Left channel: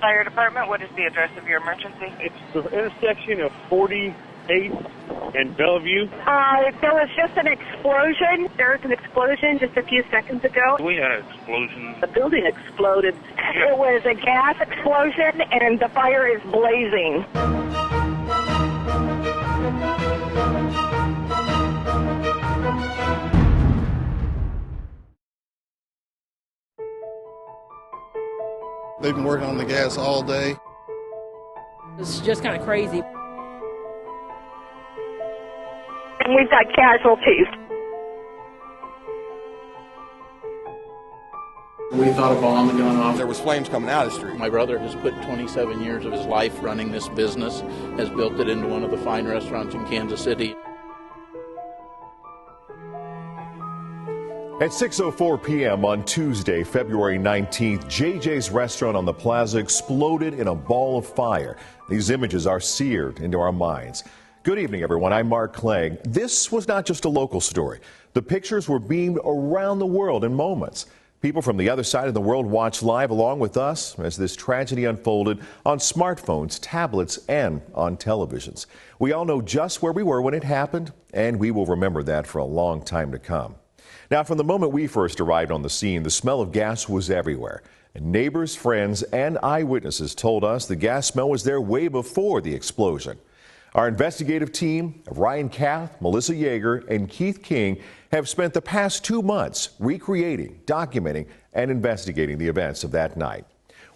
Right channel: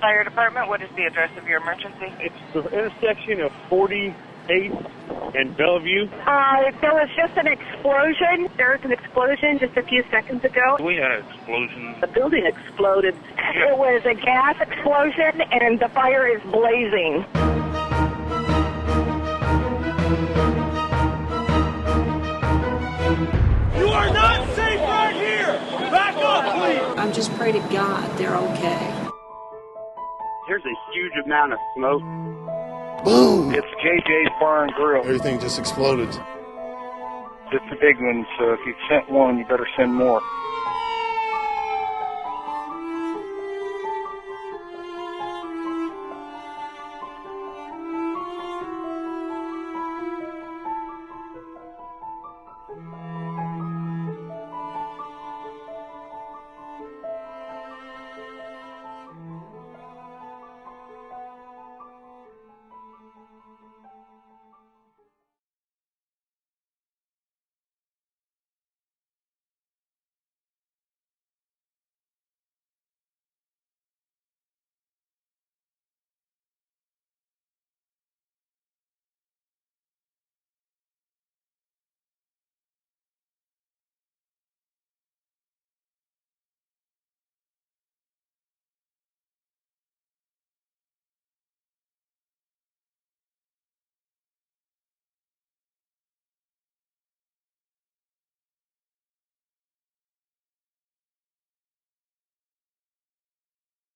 Fire department, what is the address of your emergency? It's the intersection of 48 and Bellevue. There was just an explosion. There was an explosion just a few seconds ago. We had an explosion. The building exploded. It was a gas explosion, and the fire is blazing. You are not safe right here! Back up, please! I'm just pray to God they're okay. They've been working on the gas all day. There's a huge amount of smoke. It's just kind of crazy. Boom! It's JJ's Bar and Grill. Everything just exploded. And we've got casualties. It's a big one, so if you sent one, you better send more. We thought a bomb had gone off. There was flames coming out of the street. My brother has put 27 years of his life running this business, has built it into one of the fine restaurants in Kansas City. At 6:04 p.m. on Tuesday, February 19th, JJ's restaurant on the Plaza exploded in a ball of fire. These images are seared into our minds. Good evening, everyone. I'm Mark Clegg. This was not just a local story. The pictures were beamed around the world in moments. People from the other side of the world watched live along with us as this tragedy unfolded on smartphones, tablets, and on televisions. We all know just where we were when it happened, and we will remember that for a long time to come. Now, from the moment we first arrived on the scene, the smell of gas was everywhere. And neighbors, friends, and eyewitnesses told us the gas smell was there way before the explosion. Our investigative team of Ryan Kath, Melissa Yeager, and Keith King have spent the past 2 months recreating, documenting, and investigating the events of that night.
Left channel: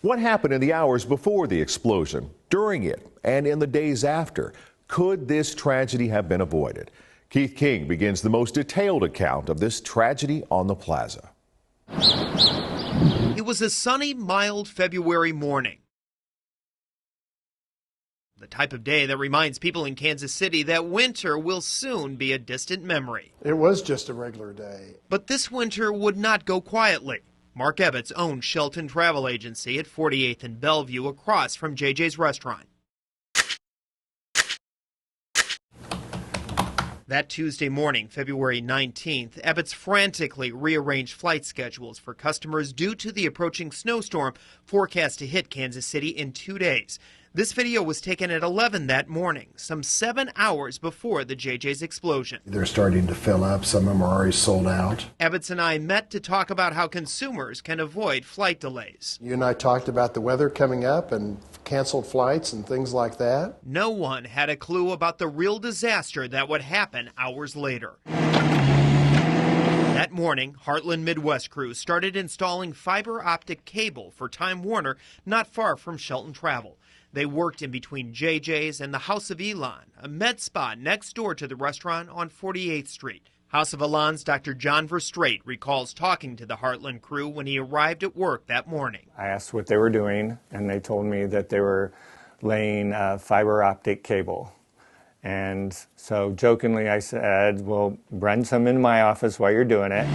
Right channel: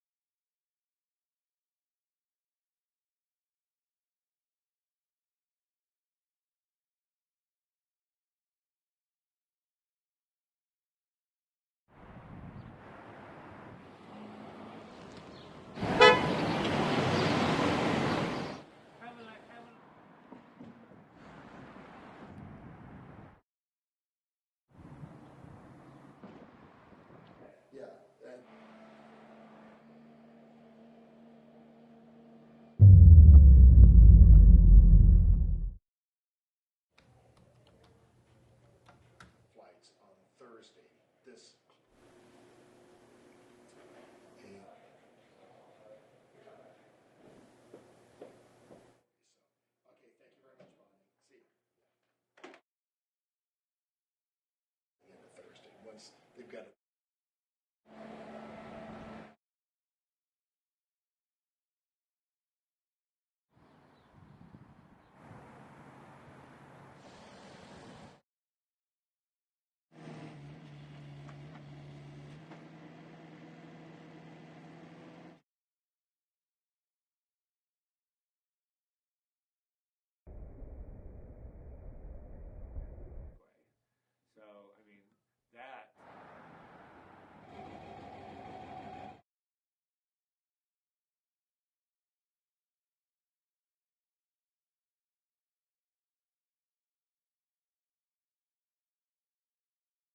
What happened in the hours before the explosion, during it, and in the days after? Could this tragedy have been avoided? Keith King begins the most detailed account of this tragedy on the Plaza. It was a sunny, mild February morning. The type of day that reminds people in Kansas City that winter will soon be a distant memory. It was just a regular day. But this winter would not go quietly. Mark Ebbets owns Shelton Travel Agency at 48th and Bellevue across from JJ's restaurant. That Tuesday morning, February 19th, Ebbets frantically rearranged flight schedules for customers due to the approaching snowstorm forecast to hit Kansas City in 2 days. This video was taken at 11 that morning, some 7 hours before the JJ's explosion. They're starting to fill up. Some of them are already sold out. Ebbets and I met to talk about how consumers can avoid flight delays. You and I talked about the weather coming up and canceled flights and things like that. No one had a clue about the real disaster that would happen hours later. That morning, Heartland Midwest crews started installing fiber optic cable for Time Warner not far from Shelton Travel. They worked in between JJ's and the House of Elon, a med spa next door to the restaurant on 48th Street. House of Elon's Dr. John Verstraete recalls talking to the Heartland crew when he arrived at work that morning. I asked what they were doing, and they told me that they were laying fiber optic cable. And so jokingly I said, well, run some in my office while you're doing it.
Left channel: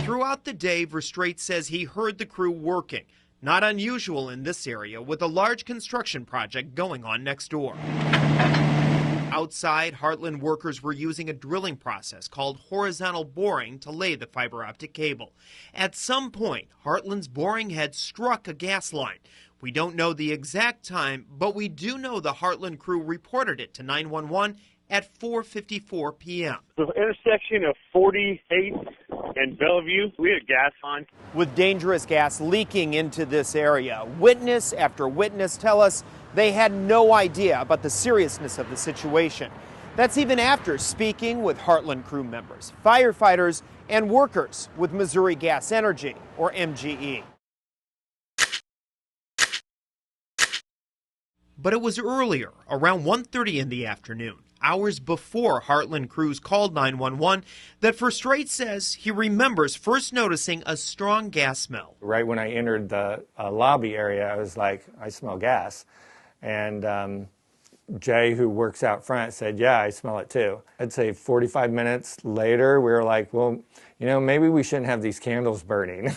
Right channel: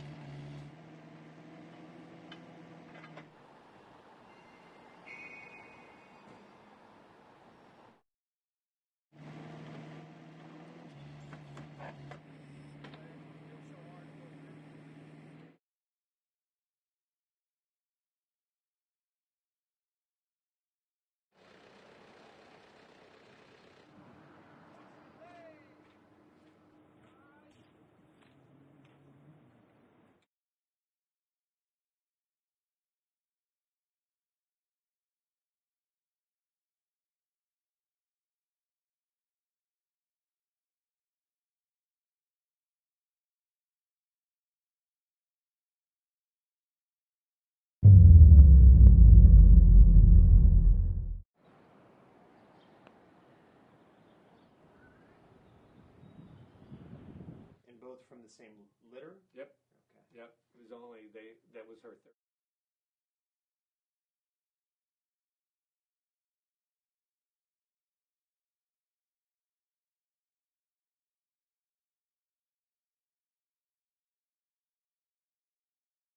Throughout the day, Verstraete says he heard the crew working. Not unusual in this area with a large construction project going on next door. Outside, Heartland workers were using a drilling process called horizontal boring to lay the fiber optic cable. At some point, Heartland's boring head struck a gas line. We don't know the exact time, but we do know the Heartland crew reported it to 911 at 4:54 p.m. The intersection of 48 and Bellevue, we had gas on. With dangerous gas leaking into this area, witness after witness tell us they had no idea about the seriousness of the situation. That's even after speaking with Heartland crew members, firefighters, and workers with Missouri Gas Energy, or MGE. But it was earlier, around 1:30 in the afternoon, hours before Heartland crews called 911, that Verstraete says he remembers first noticing a strong gas smell. Right when I entered the lobby area, I was like, I smell gas. And Jay, who works out front, said, yeah, I smell it too. I'd say 45 minutes later, we were like, well, you know, maybe we shouldn't have these candles burning.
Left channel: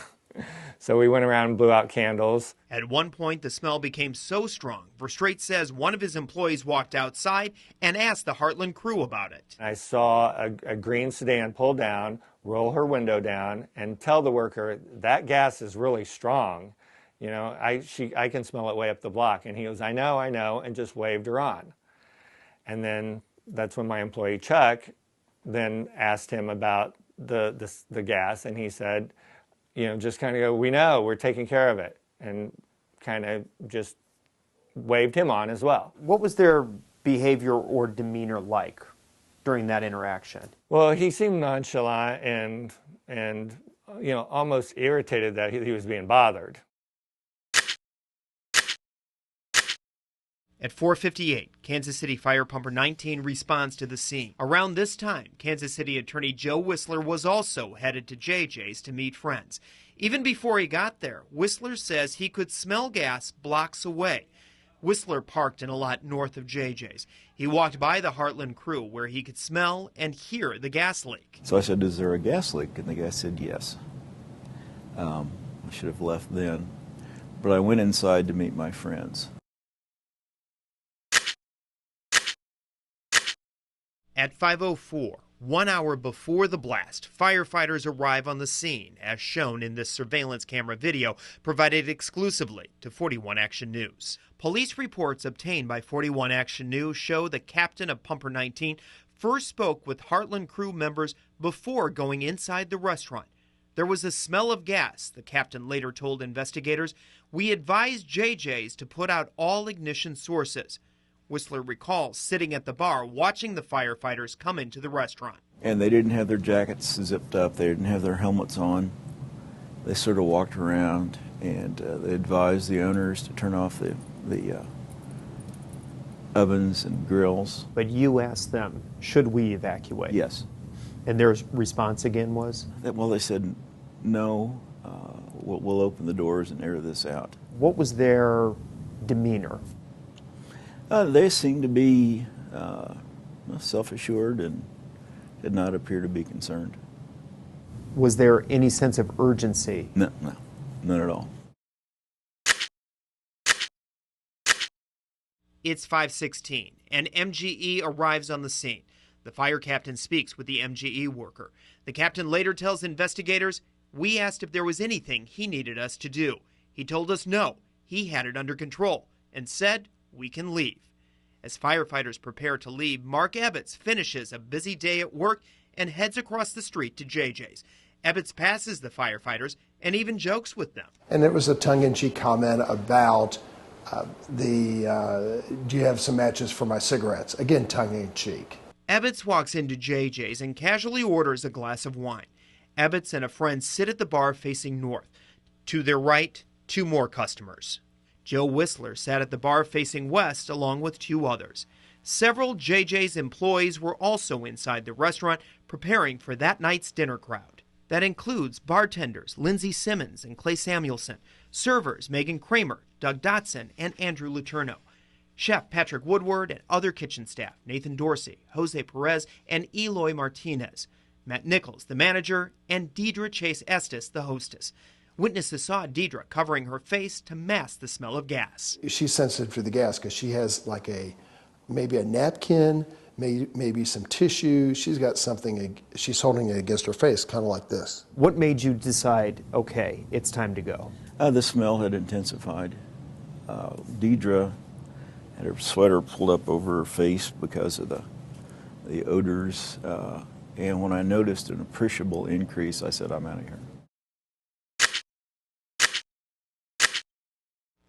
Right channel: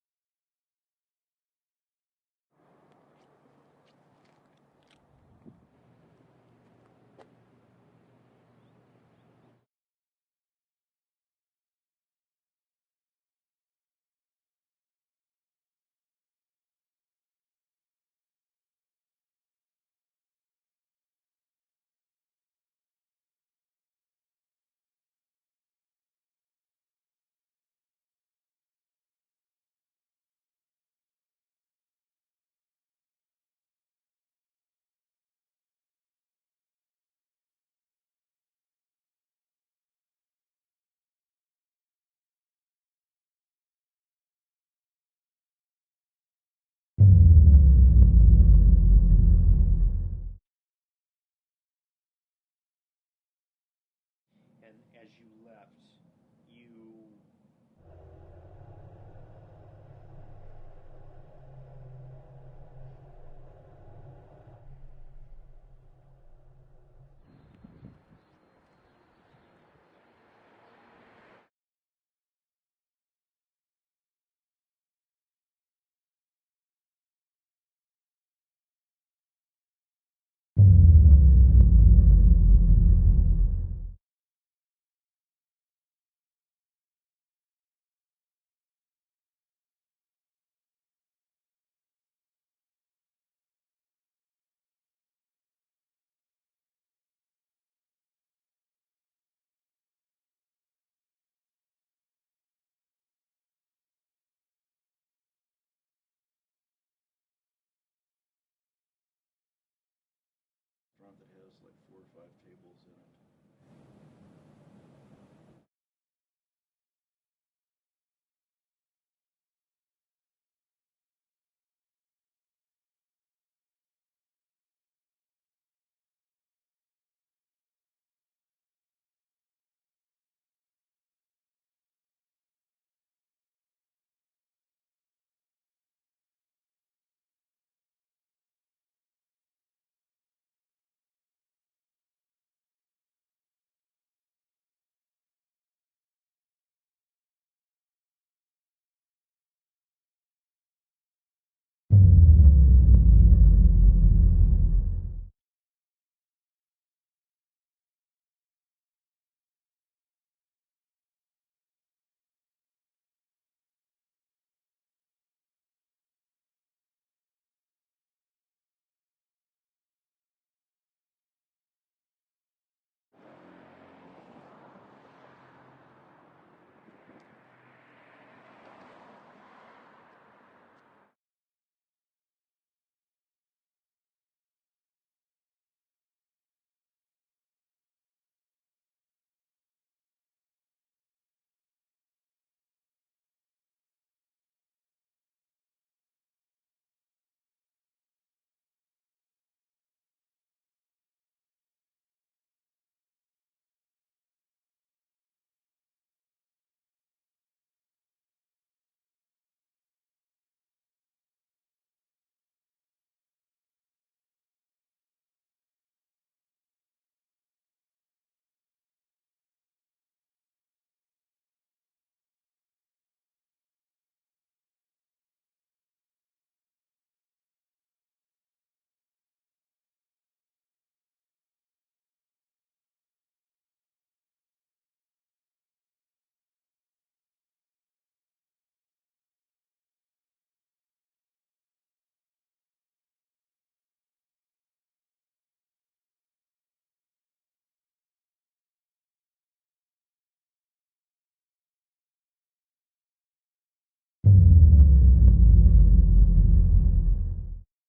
So we went around and blew out candles. At one point, the smell became so strong, Verstraete says one of his employees walked outside and asked the Heartland crew about it. I saw a green sedan pull down, roll her window down, and tell the worker, that gas is really strong. You know, I can smell it way up the block. And he goes, I know, and just waved her on. And then that's when my employee Chuck then asked him about the gas, and he said, you know, just kind of go, we know, we're taking care of it, and kind of just waved him on as well. What was their behavior or demeanor like during that interaction? Well, he seemed nonchalant and you know, almost irritated that he was being bothered. At 4:58, Kansas City Fire Pumper 19 responds to the scene. Around this time, Kansas City Attorney Joe Whistler was also headed to JJ's to meet friends. Even before he got there, Whistler says he could smell gas blocks away. Whistler parked in a lot north of JJ's. He walked by the Heartland crew where he could smell and hear the gas leak. So I said, is there a gas leak? And the guy said, yes. I should have left then. But I went inside to meet my friends. At 5:04, 1 hour before the blast, firefighters arrive on the scene, as shown in this surveillance camera video provided exclusively to 41 Action News. Police reports obtained by 41 Action News show the captain of Pumper 19 first spoke with Heartland crew members before going inside the restaurant. There was a smell of gas, the captain later told investigators. We advised JJ's to put out all ignition sources. Whistler recalls sitting at the bar watching the firefighters come into the restaurant. And they didn't have their jackets zipped up. They didn't have their helmets on. They sort of walked around, and they advised the owners to turn off the ovens and grills. But you asked them, should we evacuate? Yes. And their response again was? Well, they said, no, we'll open the doors and air this out. What was their demeanor? They seemed to be self-assured and did not appear to be concerned. Was there any sense of urgency? No, none at all. It's 5:16, and MGE arrives on the scene. The fire captain speaks with the MGE worker. The captain later tells investigators, we asked if there was anything he needed us to do. He told us no, he had it under control, and said we can leave. As firefighters prepare to leave, Mark Ebbets finishes a busy day at work and heads across the street to JJ's. Ebbets passes the firefighters and even jokes with them. And it was a tongue-in-cheek comment about do you have some matches for my cigarettes? Again, tongue-in-cheek. Ebbets walks into JJ's and casually orders a glass of wine. Ebbets and a friend sit at the bar facing north. To their right, two more customers. Joe Whistler sat at the bar facing west along with two others. Several JJ's employees were also inside the restaurant preparing for that night's dinner crowd. That includes bartenders Lindsey Simmons and Clay Samuelson, servers Megan Kramer, Doug Dotson, and Andrew Letourneau, Chef Patrick Woodward and other kitchen staff Nathan Dorsey, Jose Perez, and Eloy Martinez, Matt Nichols, the manager, and Deidre Chase Estes, the hostess. Witnesses saw Deidre covering her face to mask the smell of gas. She's sensitive to the gas because she has like maybe a napkin, maybe some tissue. She's got something, she's holding it against her face, kind of like this. What made you decide, okay, it's time to go? The smell had intensified. Deidre had her sweater pulled up over her face because of the odors. And when I noticed an appreciable increase, I said, I'm out of here.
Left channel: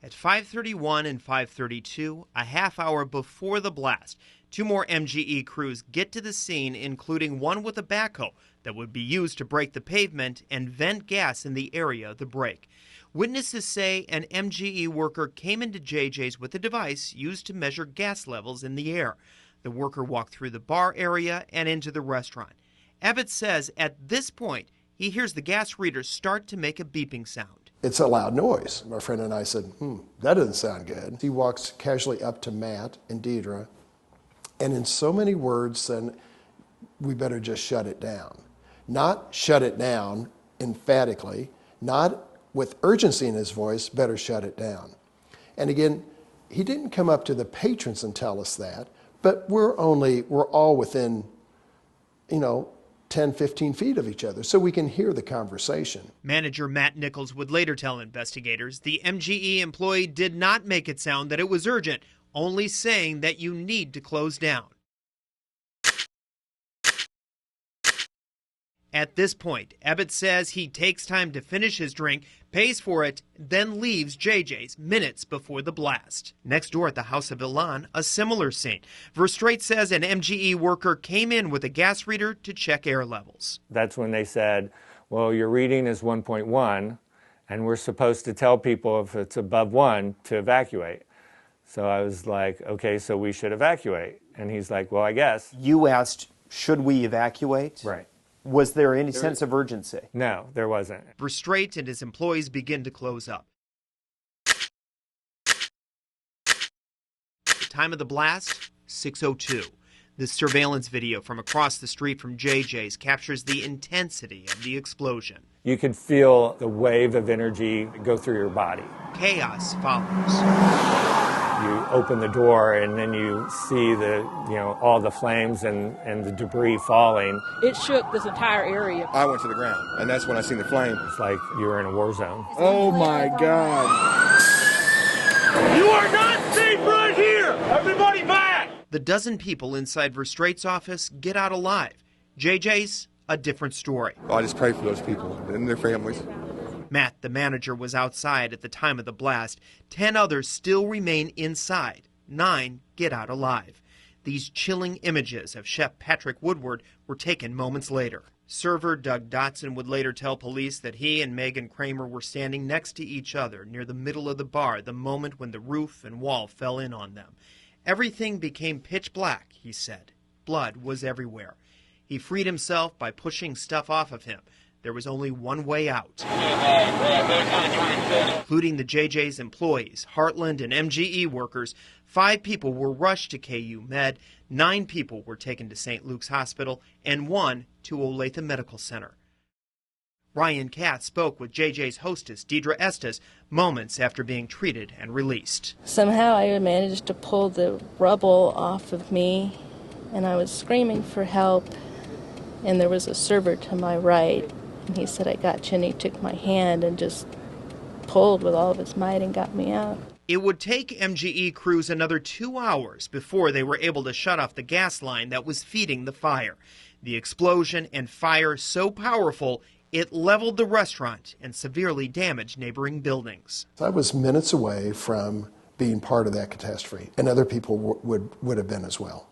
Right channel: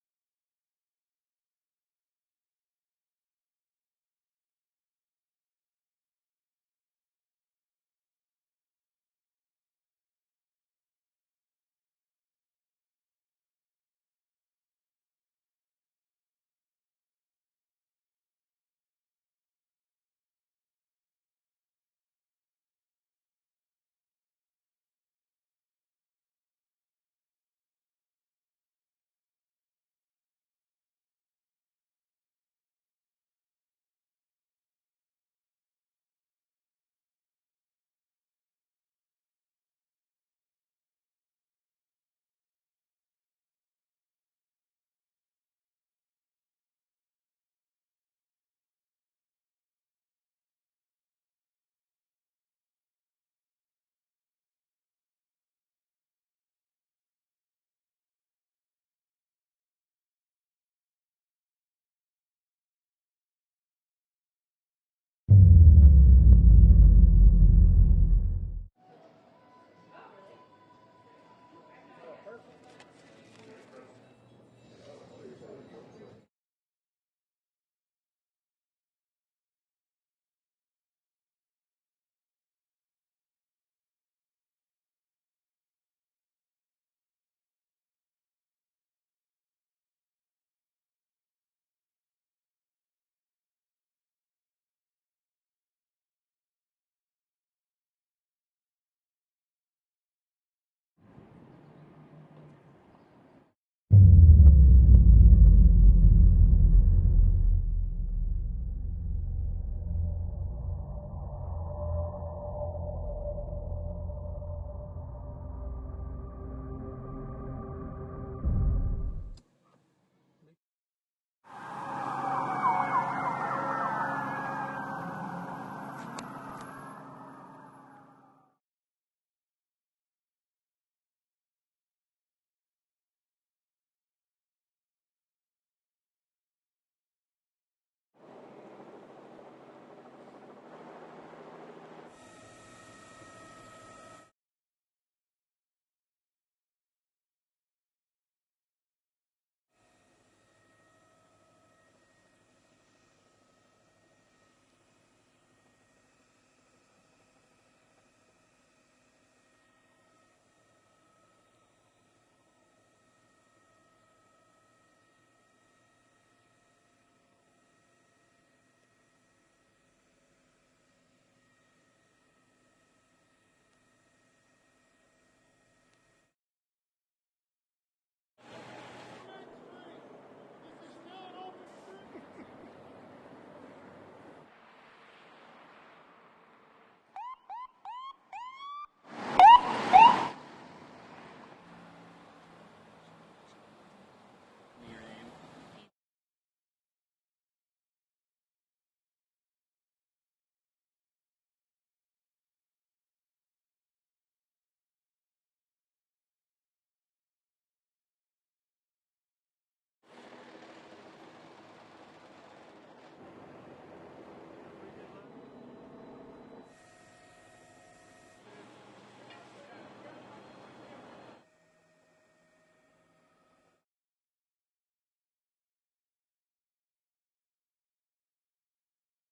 At 5:31 and 5:32, a half hour before the blast, two more MGE crews get to the scene, including one with a backhoe that would be used to break the pavement and vent gas in the area of the break. Witnesses say an MGE worker came into JJ's with a device used to measure gas levels in the air. The worker walked through the bar area and into the restaurant. Ebbets says at this point, he hears the gas reader start to make a beeping sound. It's a loud noise. My friend and I said, that doesn't sound good. He walks casually up to Matt and Deidre, and in so many words said, we better just shut it down. Not shut it down emphatically, not with urgency in his voice, better shut it down. And again, he didn't come up to the patrons and tell us that, but we're all within, 10, 15 feet of each other so we can hear the conversation. Manager Matt Nichols would later tell investigators the MGE employee did not make it sound that it was urgent, only saying that you need to close down. At this point, Ebbett says he takes time to finish his drink, pays for it, then leaves JJ's minutes before the blast. Next door at the house of Ilan, a similar scene. Verstraete says an MGE worker came in with a gas reader to check air levels. That's when they said, well, your reading is 1.1, and we're supposed to tell people if it's above 1 to evacuate. So I was like, okay, so we should evacuate. And he's like, well, I guess. You asked, should we evacuate? Right. Was there any sense of urgency? No, there wasn't. Verstraete and his employees begin to close up. Time of the blast, 6:02. This surveillance video from across the street from JJ's captures the intensity of the explosion. You could feel the wave of energy go through your body. Chaos follows. You open the door and then you see all the flames and the debris falling. It shook this entire area. I went to the ground, and that's when I seen the flame. It's like you were in a war zone. Oh my God. You are not safe right here! Everybody back! The dozen people inside Verstraete's office get out alive. JJ's, a different story. I just pray for those people and their families. Matt, the manager, was outside at the time of the blast. 10 others still remain inside. 9 get out alive. These chilling images of Chef Patrick Woodward were taken moments later. Server Doug Dotson would later tell police that he and Megan Kramer were standing next to each other near the middle of the bar the moment when the roof and wall fell in on them. Everything became pitch black, he said. Blood was everywhere. He freed himself by pushing stuff off of him. There was only one way out, including the JJ's employees, Heartland and MGE workers. 5 people were rushed to KU Med, 9 people were taken to St. Luke's Hospital, and 1 to Olathe Medical Center. Ryan Kath spoke with JJ's hostess, Deidre Estes, moments after being treated and released. Somehow I managed to pull the rubble off of me, and I was screaming for help, and there was a server to my right. And he said, I got you, and he took my hand and just pulled with all of his might and got me out. It would take MGE crews another 2 hours before they were able to shut off the gas line that was feeding the fire. The explosion and fire so powerful, it leveled the restaurant and severely damaged neighboring buildings. I was minutes away from being part of that catastrophe, and other people would have been as well.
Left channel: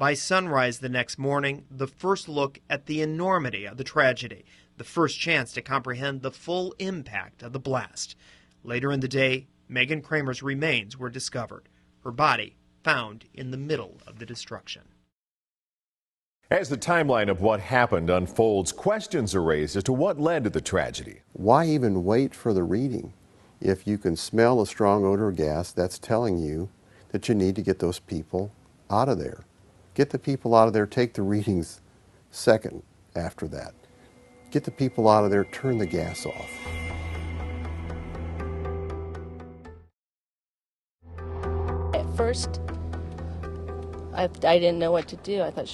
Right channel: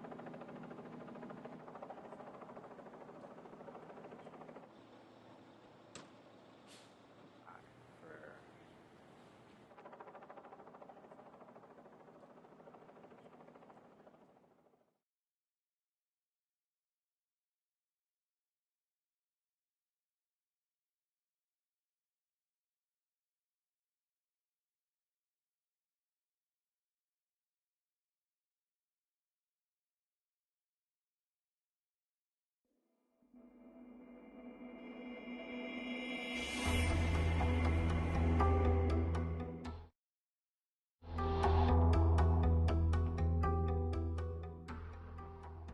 By sunrise the next morning, the first look at the enormity of the tragedy, the first chance to comprehend the full impact of the blast. Later in the day, Megan Kramer's remains were discovered, her body found in the middle of the destruction. As the timeline of what happened unfolds, questions are raised as to what led to the tragedy. Why even wait for the reading? If you can smell a strong odor of gas, that's telling you that you need to get those people out of there. Get the people out of there, take the readings second after that. Get the people out of there, turn the gas off. At first, I didn't know what to do. I thought,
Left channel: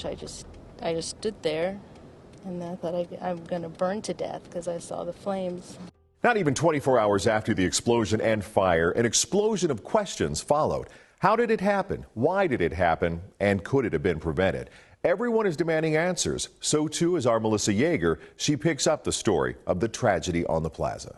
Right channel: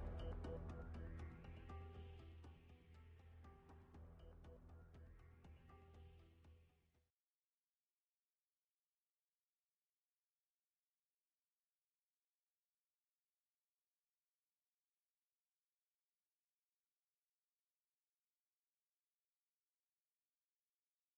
I just stood there, and I thought I'm going to burn to death because I saw the flames. Not even 24 hours after the explosion and fire, an explosion of questions followed. How did it happen? Why did it happen? And could it have been prevented? Everyone is demanding answers. So too is our Melissa Yeager. She picks up the story of the tragedy on the Plaza.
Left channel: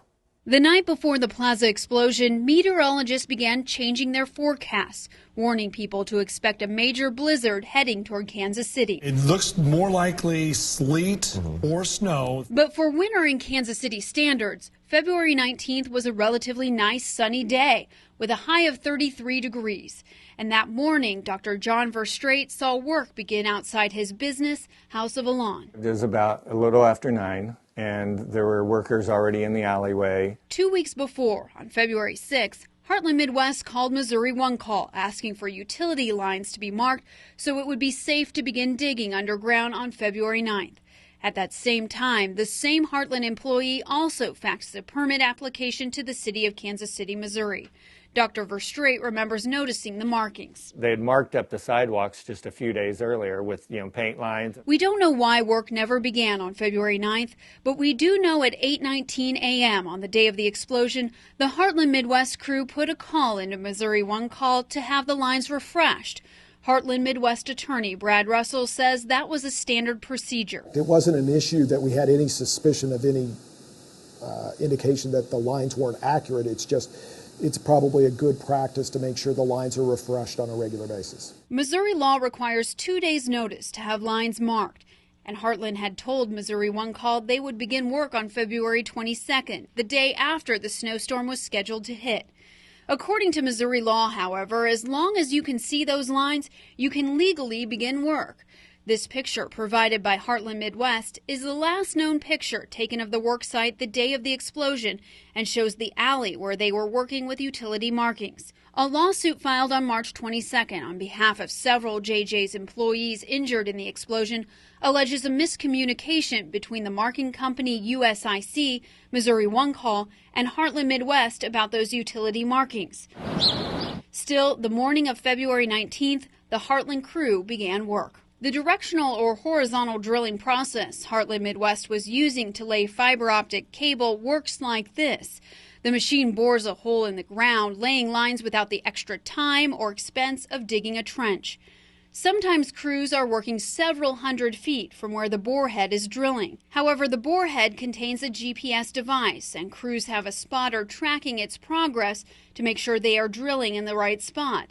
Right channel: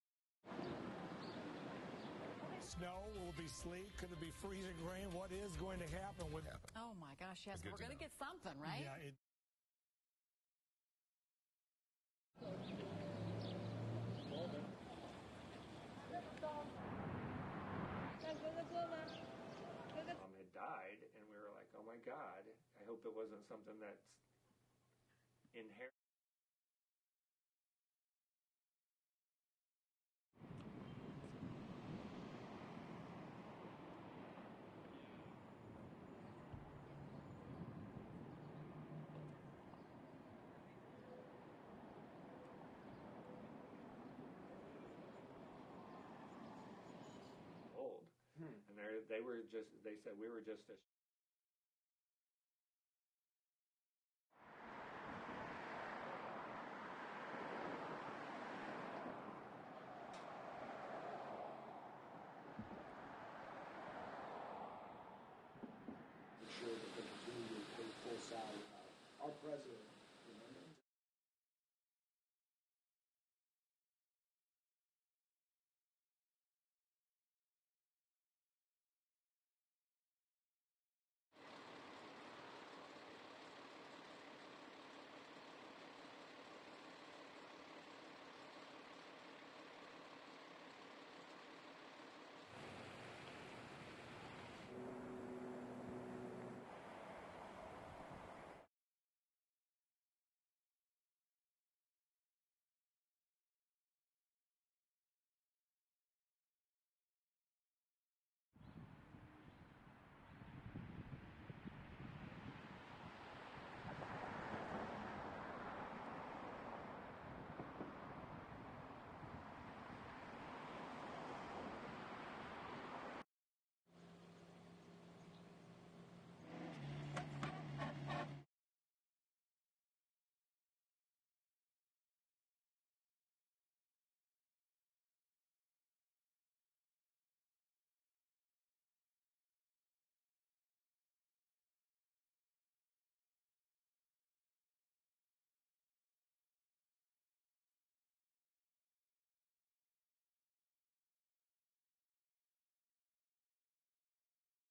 The night before the Plaza explosion, meteorologists began changing their forecasts, warning people to expect a major blizzard heading toward Kansas City. It looks more likely sleet or snow. But for winter in Kansas City standards, February 19th was a relatively nice sunny day with a high of 33 degrees. And that morning, Dr. John Verstraete saw work begin outside his business, House of Ilan. It was about a little after 9, and there were workers already in the alleyway. 2 weeks before, on February 6th, Heartland Midwest called Missouri One Call, asking for utility lines to be marked so it would be safe to begin digging underground on February 9th. At that same time, the same Heartland employee also faxed a permit application to the city of Kansas City, Missouri. Dr. Verstraete remembers noticing the markings. They had marked up the sidewalks just a few days earlier with, paint lines. We don't know why work never began on February 9th, but we do know at 8:19 a.m. on the day of the explosion, the Heartland Midwest crew put a call into Missouri One Call to have the lines refreshed. Heartland Midwest attorney Brad Russell says that was a standard procedure. It wasn't an issue that we had any suspicion of any indication that the lines weren't accurate. It's probably a good practice to make sure the lines are refreshed on a regular basis. Missouri law requires 2 days' notice to have lines marked, and Heartland had told Missouri One Call they would begin work on February 22nd, the day after the snowstorm was scheduled to hit. According to Missouri law, however, as long as you can see those lines, you can legally begin work. This picture provided by Heartland Midwest is the last known picture taken of the work site the day of the explosion and shows the alley where they were working with utility markings. A lawsuit filed on March 22nd on behalf of several JJ's employees injured in the explosion alleges a miscommunication between the marking company USIC, Missouri One Call, and Heartland Midwest about those utility markings. Still, the morning of February 19th, the Heartland crew began work. The directional or horizontal drilling process Heartland Midwest was using to lay fiber optic cable works like this. The machine bores a hole in the ground, laying lines without the extra time or expense of digging a trench. Sometimes crews are working several hundred feet from where the borehead is drilling. However, the borehead contains a GPS device, and crews have a spotter tracking its progress to make sure they are drilling in the right spot.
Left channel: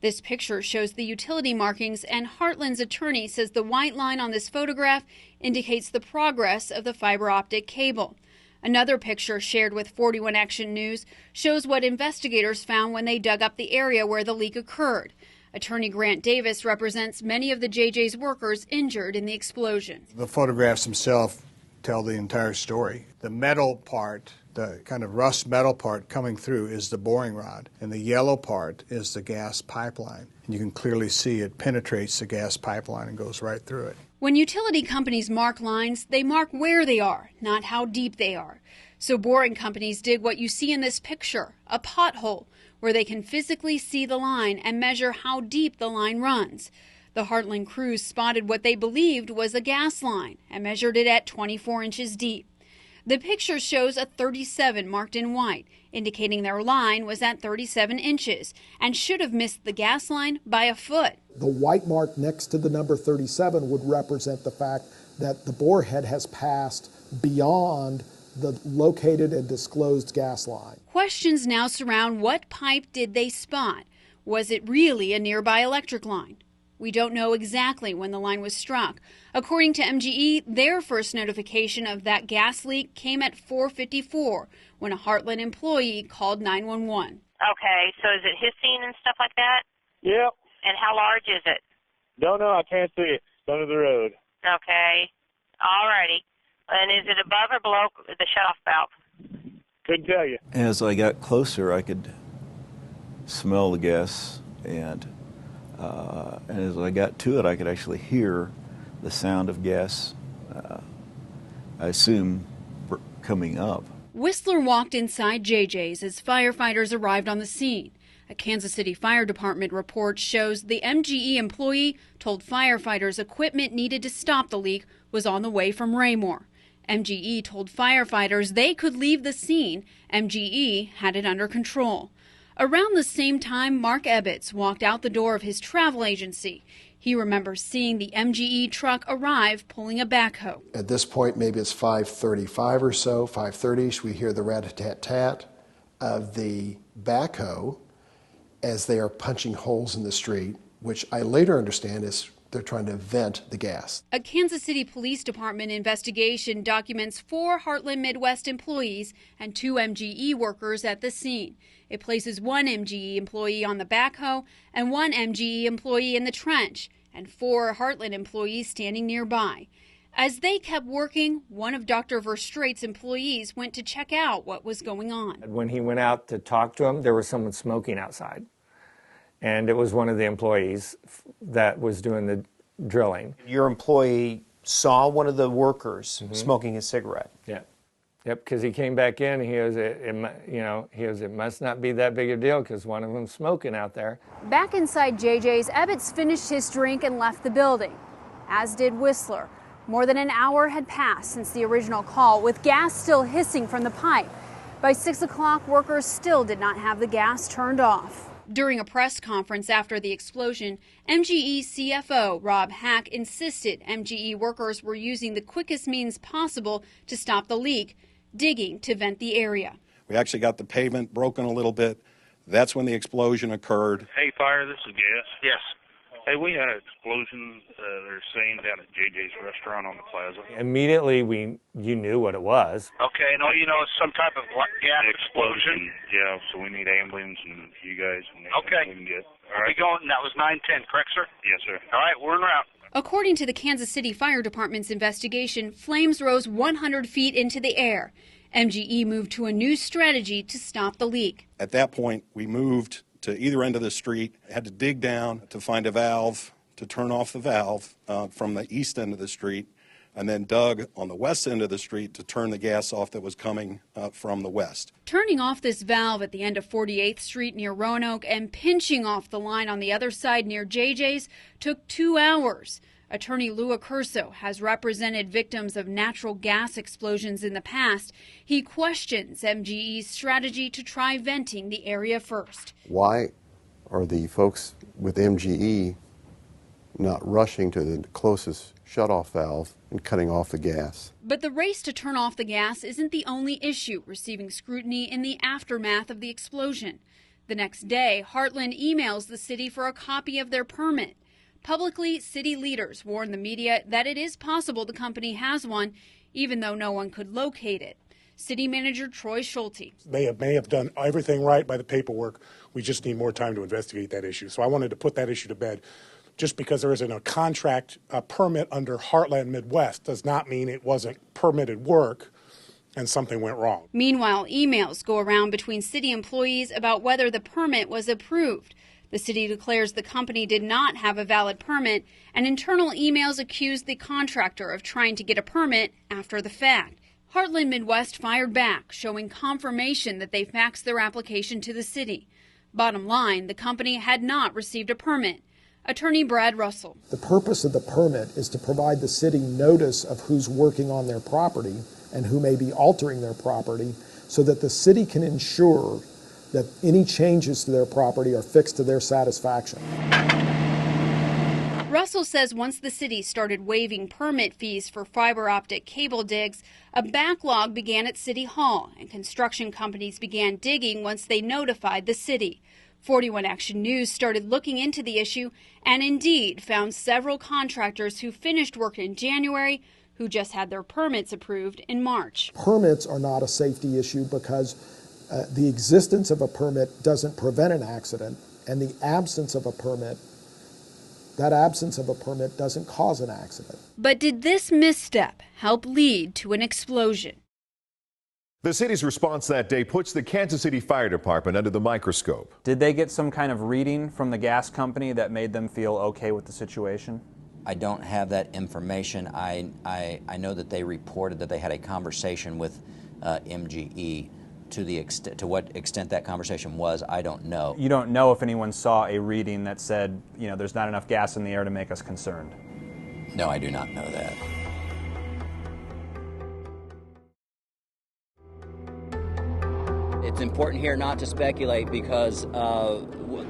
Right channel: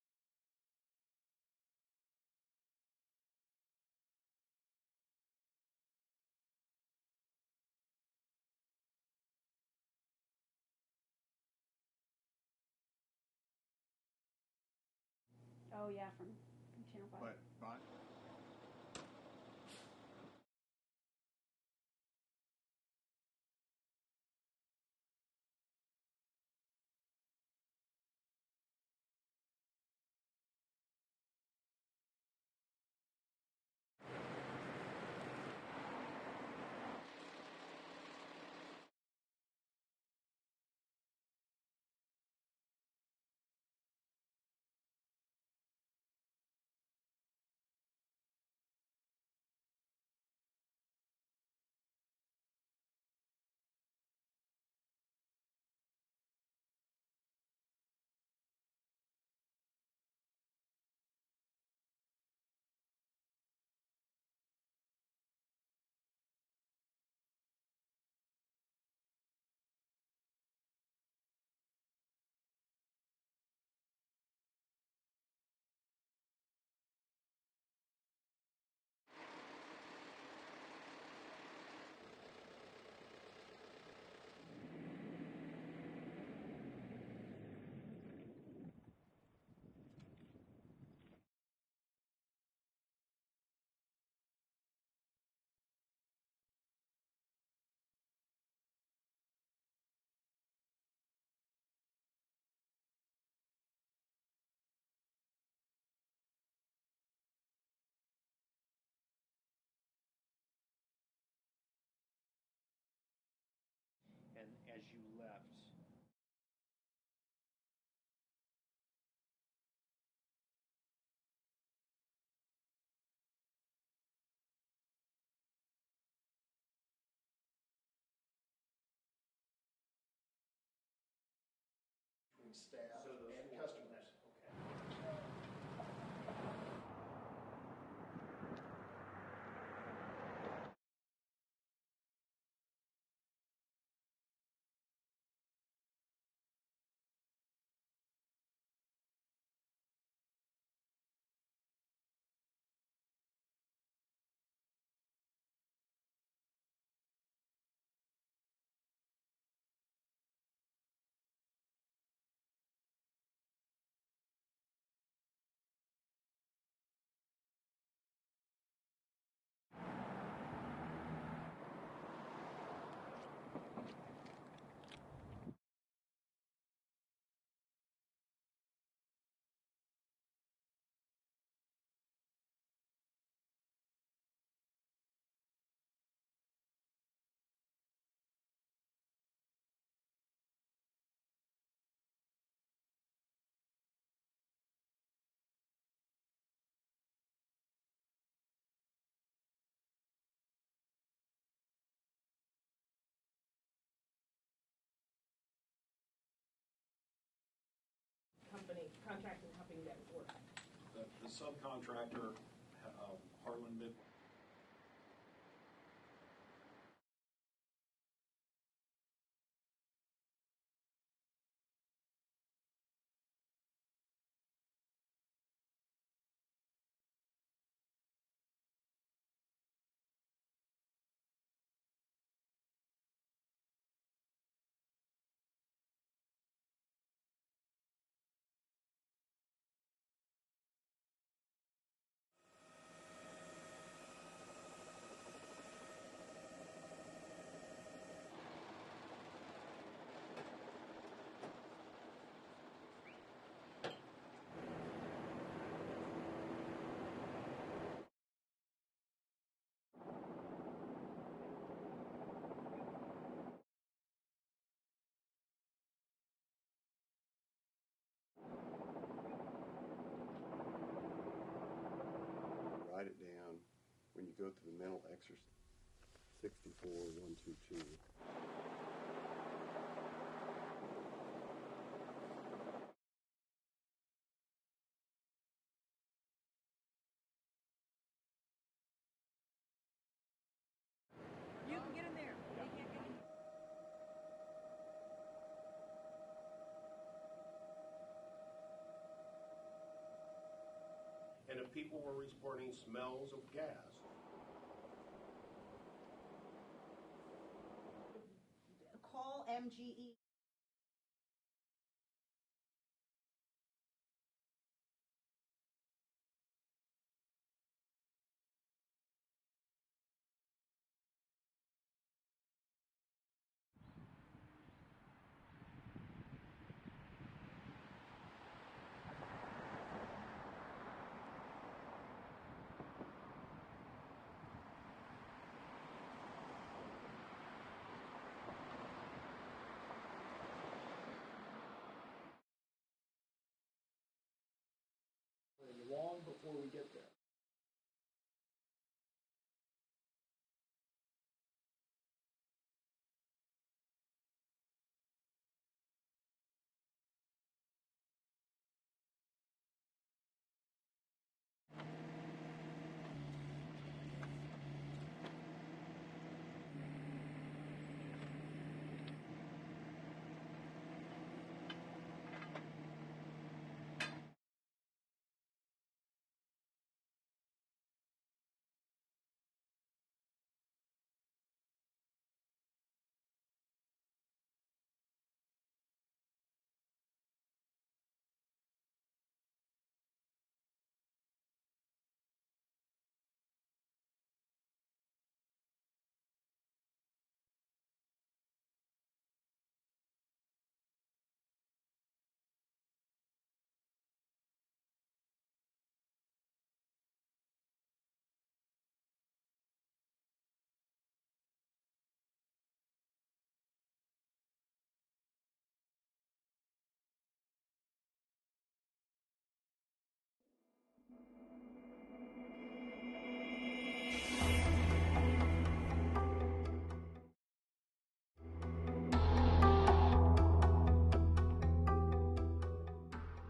This picture shows the utility markings, and Heartland's attorney says the white line on this photograph indicates the progress of the fiber optic cable. Another picture shared with 41 Action News shows what investigators found when they dug up the area where the leak occurred. Attorney Grant Davis represents many of the JJ's workers injured in the explosion. The photographs themselves tell the entire story. The metal part, the kind of rust metal part coming through is the boring rod, and the yellow part is the gas pipeline. And you can clearly see it penetrates the gas pipeline and goes right through it. When utility companies mark lines, they mark where they are, not how deep they are. So boring companies did what you see in this picture, a pothole, where they can physically see the line and measure how deep the line runs. The Heartland crews spotted what they believed was a gas line and measured it at 24 inches deep. The picture shows a 37 marked in white, indicating their line was at 37 inches and should have missed the gas line by a foot. The white mark next to the number 37 would represent the fact that the borehead has passed beyond the located and disclosed gas line. Questions now surround what pipe did they spot? Was it really a nearby electric line? We don't know exactly when the line was struck. According to MGE, their first notification of that gas leak came at 4:54 when a Heartland employee called 911. Okay, so is it hissing and stuff like that? Yep. And how large is it? Don't know. I can't see it. It's under the road. Okay. All righty. And is it above or below the shutoff valve? Couldn't tell you. As I got closer, I could smell the gas, and as I got to it, I could actually hear the sound of gas, I assume, coming up. Whistler walked inside JJ's as firefighters arrived on the scene. A Kansas City Fire Department report shows the MGE employee told firefighters equipment needed to stop the leak was on the way from Raymore. MGE told firefighters they could leave the scene. MGE had it under control. Around the same time, Mark Ebbets walked out the door of his travel agency. He remembers seeing the MGE truck arrive pulling a backhoe. At this point, maybe it's 5:35 or so, 5:30ish, we hear the rat-a-tat-tat of the backhoe as they are punching holes in the street, which I later understand is they're trying to vent the gas. A Kansas City Police Department investigation documents 4 Heartland Midwest employees and 2 MGE workers at the scene. It places 1 MGE employee on the backhoe and 1 MGE employee in the trench, and 4 Heartland employees standing nearby. As they kept working, one of Dr. Verstraete's employees went to check out what was going on. When he went out to talk to him, there was someone smoking outside. And it was one of the employees that was doing the drilling. Your employee saw one of the workers smoking a cigarette. Yeah. Yep, because he came back in, he goes, it must not be that big a deal because one of them's smoking out there. Back inside JJ's, Ebbets finished his drink and left the building, as did Whistler. More than an hour had passed since the original call, with gas still hissing from the pipe. By 6 o'clock, workers still did not have the gas turned off. During a press conference after the explosion, MGE CFO Rob Hack insisted MGE workers were using the quickest means possible to stop the leak, digging to vent the area. We actually got the pavement broken a little bit. That's when the explosion occurred. Hey, fire, this is Gas. Yes. Hey, we had an explosion, they're saying, down at JJ's restaurant on the Plaza. Immediately, you knew what it was. Okay, no, it's some type of gas explosion. Yeah, so we need ambulance and you guys. And okay. We can get. All right. That was 910, correct, sir? Yes, sir. All right, we're en route. According to the Kansas City Fire Department's investigation, flames rose 100 feet into the air. MGE moved to a new strategy to stop the leak. At that point, we moved to either end of the street, had to dig down to find a valve to turn off the valve from the east end of the street, and then dug on the west end of the street to turn the gas off that was coming from the west. Turning off this valve at the end of 48th Street near Roanoke and pinching off the line on the other side near JJ's took 2 hours. Attorney Lou Accurso has represented victims of natural gas explosions in the past. He questions MGE's strategy to try venting the area first. Why are the folks with MGE not rushing to the closest shutoff valve and cutting off the gas? But the race to turn off the gas isn't the only issue receiving scrutiny in the aftermath of the explosion. The next day, Heartland emails the city for a copy of their permit. Publicly, city leaders warn the media that it is possible the company has one, even though no one could locate it. City Manager Troy Schulte. They may have done everything right by the paperwork. We just need more time to investigate that issue. So I wanted to put that issue to bed. Just because there isn't a contract, a permit under Heartland Midwest does not mean it wasn't permitted work and something went wrong. Meanwhile, emails go around between city employees about whether the permit was approved. The city declares the company did not have a valid permit, and internal emails accuse the contractor of trying to get a permit after the fact. Heartland Midwest fired back, showing confirmation that they faxed their application to the city. Bottom line, the company had not received a permit. Attorney Brad Russell. The purpose of the permit is to provide the city notice of who's working on their property and who may be altering their property so that the city can ensure that any changes to their property are fixed to their satisfaction. Russell says once the city started waiving permit fees for fiber optic cable digs, a backlog began at City Hall, and construction companies began digging once they notified the city. 41 Action News started looking into the issue and indeed found several contractors who finished work in January who just had their permits approved in March. Permits are not a safety issue because the existence of a permit doesn't prevent an accident, and the absence of a permit, that absence of a permit doesn't cause an accident. But did this misstep help lead to an explosion? The city's response that day puts the Kansas City Fire Department under the microscope. Did they get some kind of reading from the gas company that made them feel okay with the situation? I don't have that information. I know that they reported that they had a conversation with MGE. To what extent that conversation was, I don't know. You don't know if anyone saw a reading that said, there's not enough gas in the air to make us concerned? No, I do not know that. It's important here not to speculate because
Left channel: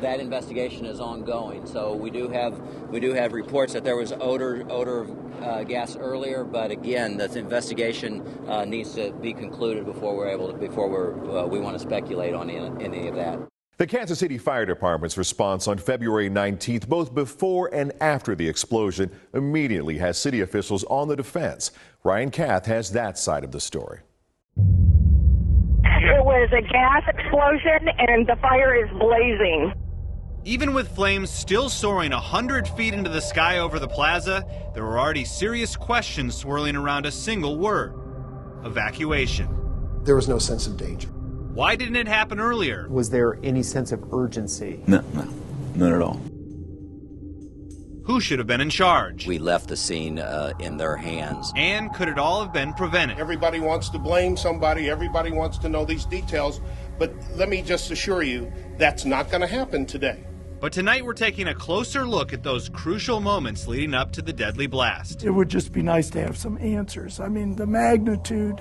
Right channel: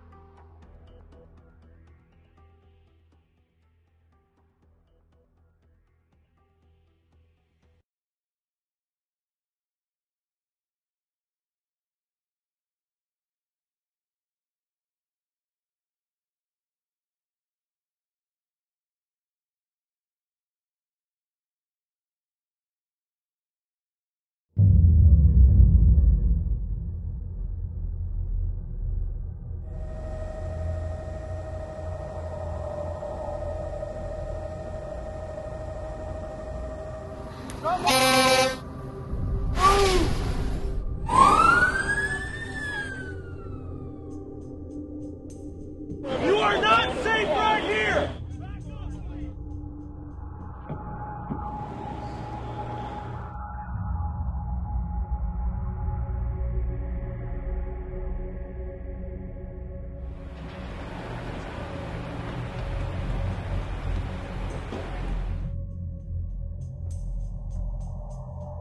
that investigation is ongoing. So we do have reports that there was odor of gas earlier, but again, this investigation needs to be concluded before we want to speculate on any of that. The Kansas City Fire Department's response on February 19th, both before and after the explosion, immediately has city officials on the defense. Ryan Kath has that side of the story. It was a gas explosion and the fire is blazing. Even with flames still soaring 100 feet into the sky over the plaza, there were already serious questions swirling around a single word: evacuation. There was no sense of danger. Why didn't it happen earlier? Was there any sense of urgency? No, not at all. You are not safe right here! Who should have been in charge? We left the scene in their hands. And could it all have been prevented? Everybody wants to blame somebody. Everybody wants to know these details. But let me just assure you, that's not going to happen today. But tonight we're taking a closer look at those crucial moments leading up to the deadly blast. It would just be nice to have some answers. I mean, the magnitude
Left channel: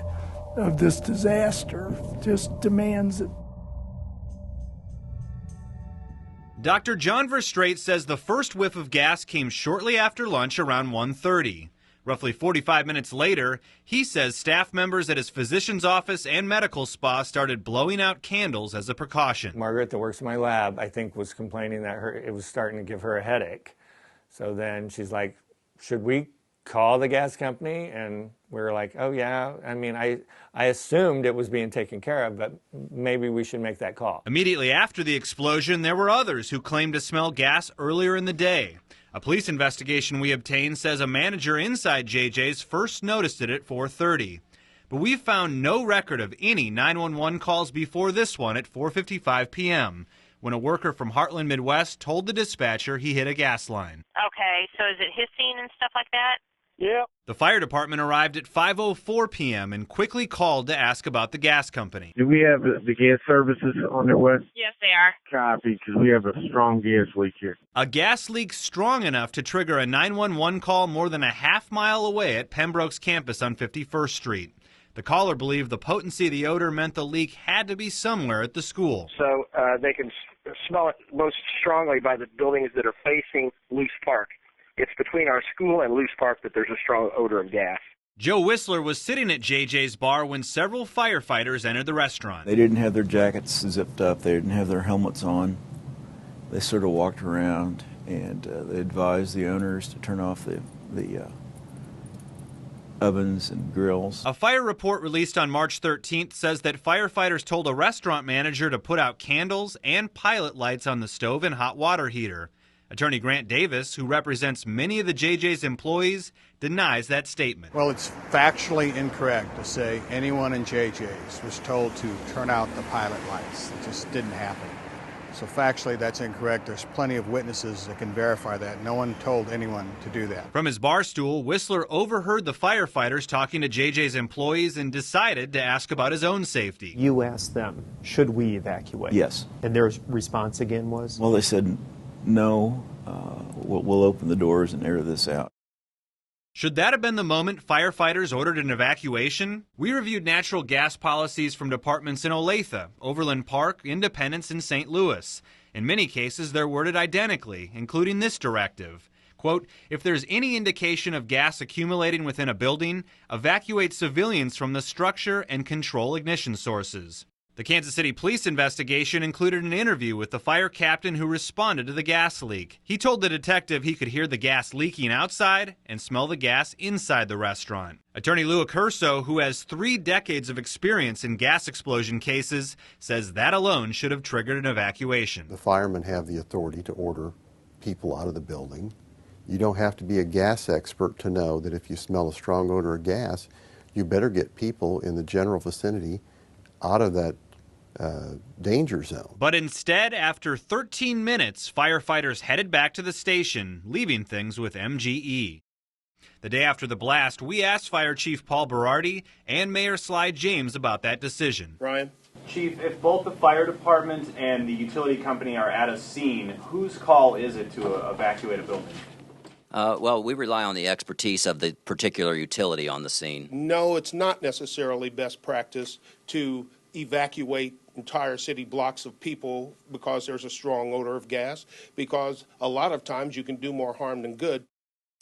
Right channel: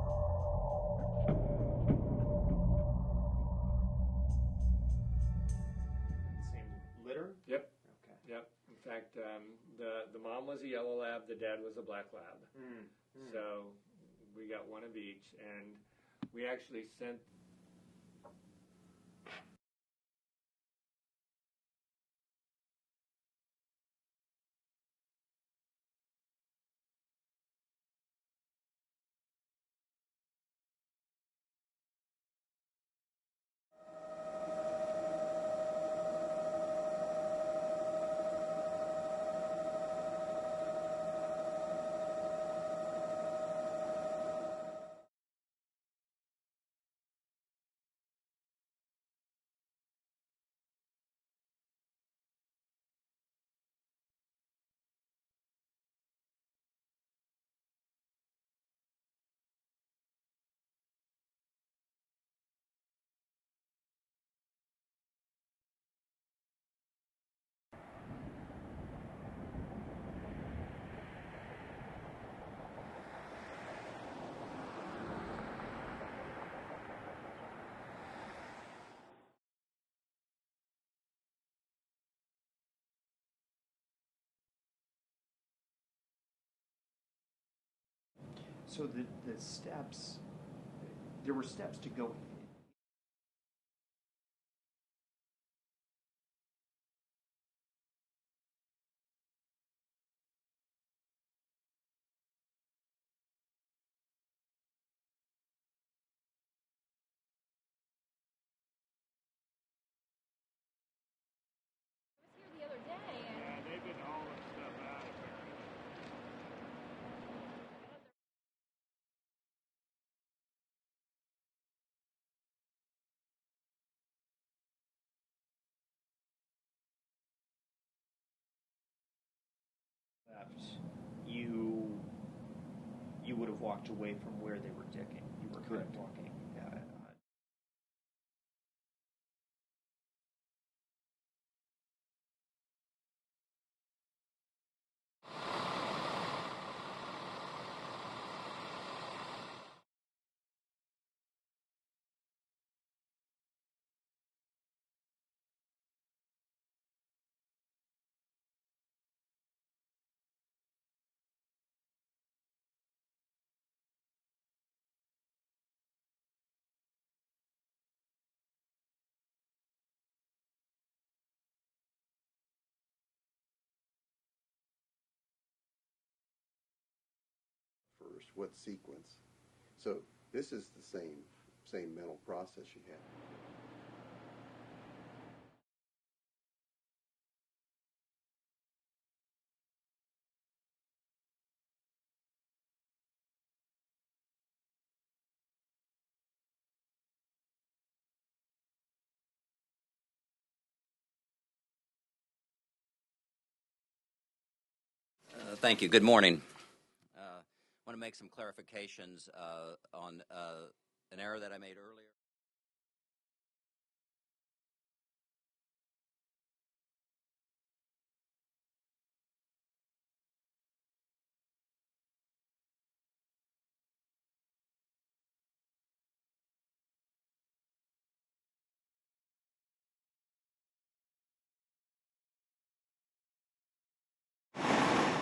of this disaster just demands it. Dr. John Verstraete says the first whiff of gas came shortly after lunch around 1:30. Roughly 45 minutes later, he says staff members at his physician's office and medical spa started blowing out candles as a precaution. Margaret, that works in my lab, I think was complaining that it was starting to give her a headache. So then she's like, should we call the gas company? And we were like, oh yeah. I mean, I assumed it was being taken care of, but maybe we should make that call. Immediately after the explosion, there were others who claimed to smell gas earlier in the day. A police investigation we obtained says a manager inside JJ's first noticed it at 4:30. But we've found no record of any 911 calls before this one at 4:55 p.m., when a worker from Heartland Midwest told the dispatcher he hit a gas line. Okay, so is it hissing and stuff like that? Yeah. The fire department arrived at 5:04 p.m. and quickly called to ask about the gas company. Do we have the gas services on their west? Yes, they are. Copy, because we have a strong gas leak here. A gas leak strong enough to trigger a 911 call more than a half-mile away at Pembroke's campus on 51st Street. The caller believed the potency of the odor meant the leak had to be somewhere at the school. So they can smell it most strongly by the buildings that are facing Luce Park. It's between our school and Luce Park that there's a strong odor of gas. Joe Whistler was sitting at JJ's bar when several firefighters entered the restaurant. They didn't have their jackets zipped up. They didn't have their helmets on. They sort of walked around, and they advised the owners to turn off the ovens and grills. A fire report released on March 13th says that firefighters told a restaurant manager to put out candles and pilot lights on the stove and hot water heater. Attorney Grant Davis, who represents many of the JJ's employees, denies that statement. Well, it's factually incorrect to say anyone in JJ's was told to turn out the pilot lights. It just didn't happen. So factually, that's incorrect. There's plenty of witnesses that can verify that. No one told anyone to do that. From his bar stool, Whistler overheard the firefighters talking to JJ's employees and decided to ask about his own safety. You asked them, should we evacuate? Yes. And their response again was? Well, they said, no, we'll open the doors and air this out. Should that have been the moment firefighters ordered an evacuation? We reviewed natural gas policies from departments in Olathe, Overland Park, Independence, and St. Louis. In many cases, they're worded identically, including this directive. Quote, if there's any indication of gas accumulating within a building, evacuate civilians from the structure and control ignition sources. The Kansas City police investigation included an interview with the fire captain who responded to the gas leak. He told the detective he could hear the gas leaking outside and smell the gas inside the restaurant. Attorney Lou Accurso, who has 3 decades of experience in gas explosion cases, says that alone should have triggered an evacuation. The firemen have the authority to order people out of the building. You don't have to be a gas expert to know that if you smell a strong odor of gas, you better get people in the general vicinity out of that danger zone. But instead, after 13 minutes, firefighters headed back to the station, leaving things with MGE. Thank you. Good morning. The day after the blast, we asked Fire Chief Paul Berardi and Mayor Sly James about that decision. Brian? Chief, if both the fire department and the utility company are at a scene, whose call is it to evacuate a building? Well, we rely on the expertise of the particular utility on the scene. No, it's not necessarily best practice to evacuate entire city blocks of people because there's a strong odor of gas, because a lot of times you can do more harm than good.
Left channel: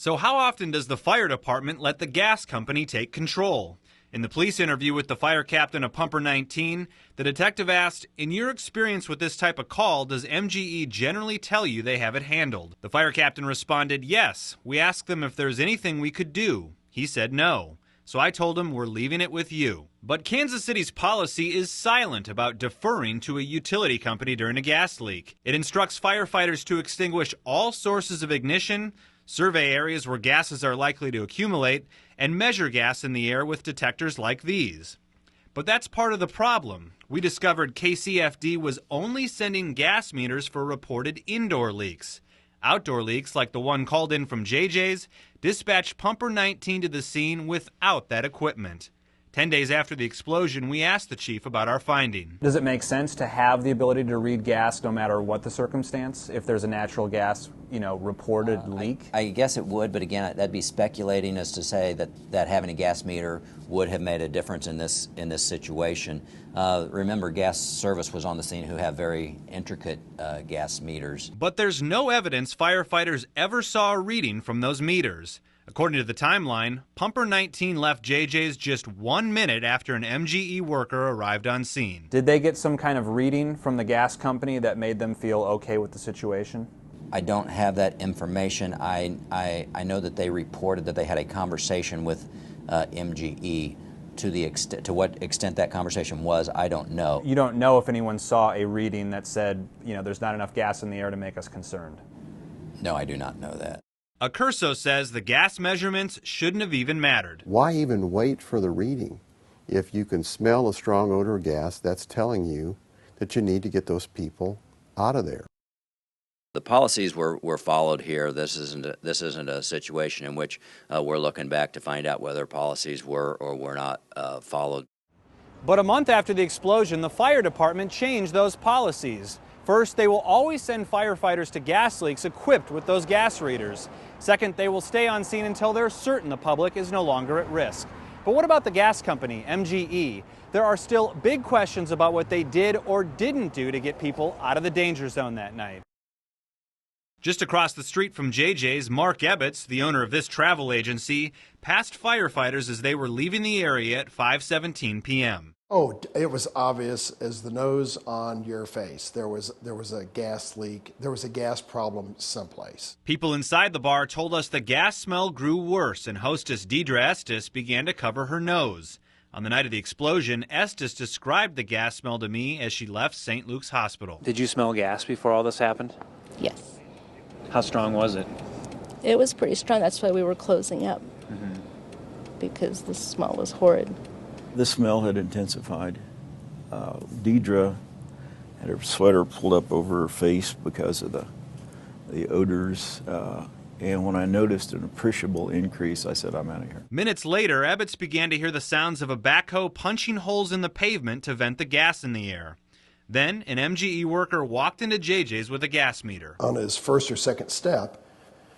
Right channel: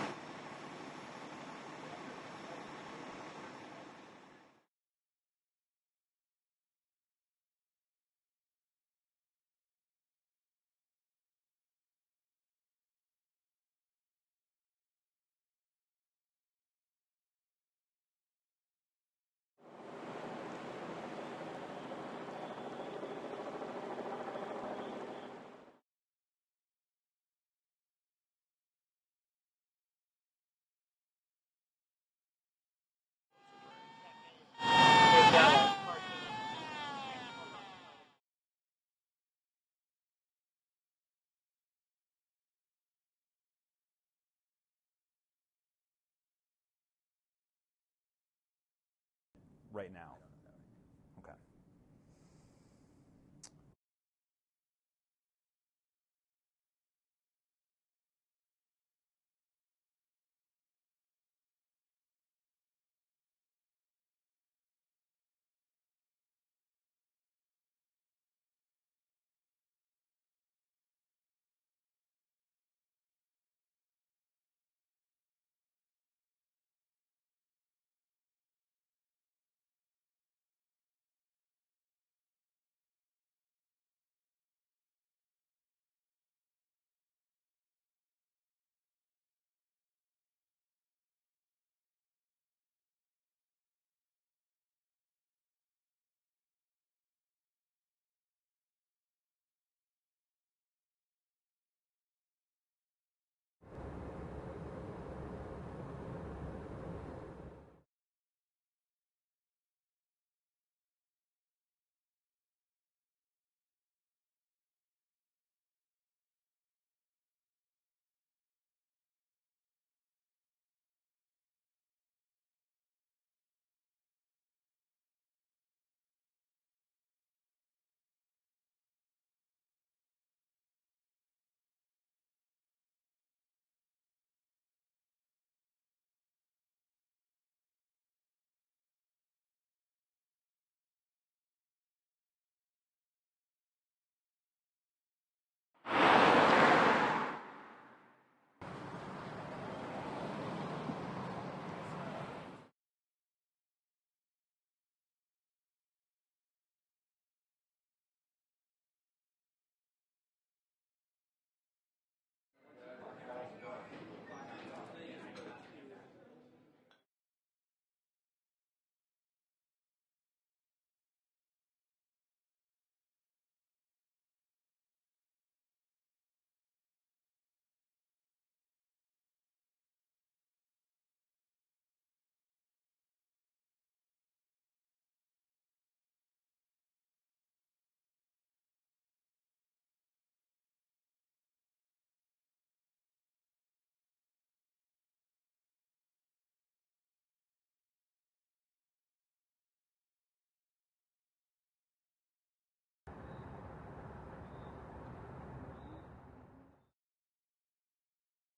So how often does the fire department let the gas company take control? In the police interview with the fire captain of Pumper 19, the detective asked, in your experience with this type of call, does MGE generally tell you they have it handled? The fire captain responded, yes. We asked them if there's anything we could do. He said no. So I told him we're leaving it with you. But Kansas City's policy is silent about deferring to a utility company during a gas leak. It instructs firefighters to extinguish all sources of ignition, survey areas where gases are likely to accumulate, and measure gas in the air with detectors like these. But that's part of the problem. We discovered KCFD was only sending gas meters for reported indoor leaks. Outdoor leaks like the one called in from JJ's dispatched Pumper 19 to the scene without that equipment. 10 days after the explosion, we asked the chief about our finding. Does it make sense to have the ability to read gas no matter what the circumstance, if there's a natural gas, reported leak? I guess it would, but again, that'd be speculating as to say that having a gas meter would have made a difference in this situation. Remember, gas service was on the scene, who have very intricate gas meters. But there's no evidence firefighters ever saw a reading from those meters. According to the timeline, Pumper 19 left JJ's just 1 minute after an MGE worker arrived on scene. Did they get some kind of reading from the gas company that made them feel okay with the situation? I don't have that information. I know that they reported that they had a conversation with MGE. To what extent that conversation was, I don't know. You don't know if anyone saw a reading that said, there's not enough gas in the air to make us concerned? No, I do not know that. Accurso says the gas measurements shouldn't have even mattered. Why even wait for the reading? If you can smell a strong odor of gas, that's telling you that you need to get those people out of there. The policies were followed here. This isn't a situation in which we're looking back to find out whether policies were or were not followed. But a month after the explosion, the fire department changed those policies. First, they will always send firefighters to gas leaks equipped with those gas readers. Second, they will stay on scene until they're certain the public is no longer at risk. But what about the gas company, MGE? There are still big questions about what they did or didn't do to get people out of the danger zone that night. Just across the street from JJ's, Mark Ebbets, the owner of this travel agency, passed firefighters as they were leaving the area at 5:17 p.m. Oh, it was obvious as the nose on your face. There was a gas leak. There was a gas problem someplace. People inside the bar told us the gas smell grew worse, and hostess Deidre Estes began to cover her nose. On the night of the explosion, Estes described the gas smell to me as she left St. Luke's Hospital. Did you smell gas before all this happened? Yes. How strong was it? It was pretty strong. That's why we were closing up, because the smell was horrid. The smell had intensified. Deidre had her sweater pulled up over her face because of the odors. And when I noticed an appreciable increase, I said, I'm out of here. Minutes later, Ebbets began to hear the sounds of a backhoe punching holes in the pavement to vent the gas in the air. Then, an MGE worker walked into JJ's with a gas meter. On his first or second step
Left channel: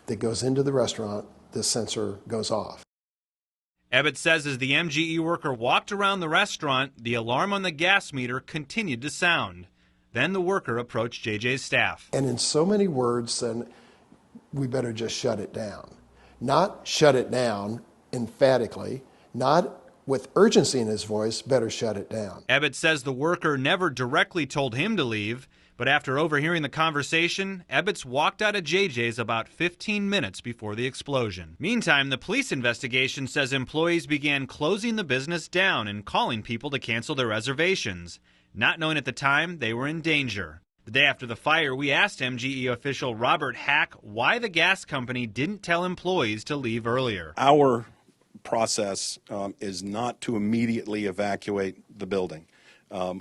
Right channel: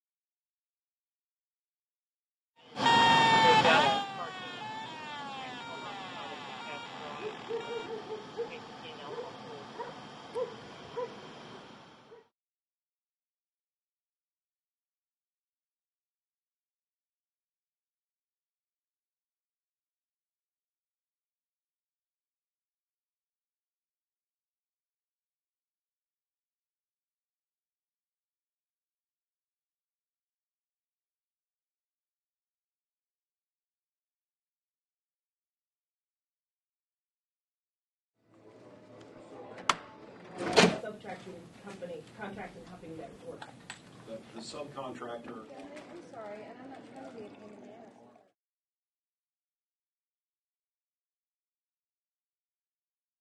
that goes into the restaurant, the sensor goes off. Ebbets says as the MGE worker walked around the restaurant, the alarm on the gas meter continued to sound. Then the worker approached JJ's staff. And in so many words, then we better just shut it down. Not shut it down emphatically, not with urgency in his voice, better shut it down. Ebbets says the worker never directly told him to leave, but after overhearing the conversation, Ebbets walked out of JJ's about 15 minutes before the explosion. Meantime, the police investigation says employees began closing the business down and calling people to cancel their reservations. Not knowing at the time they were in danger. The day after the fire, we asked MGE official Robert Hack why the gas company didn't tell employees to leave earlier. Our process is not to immediately evacuate the building.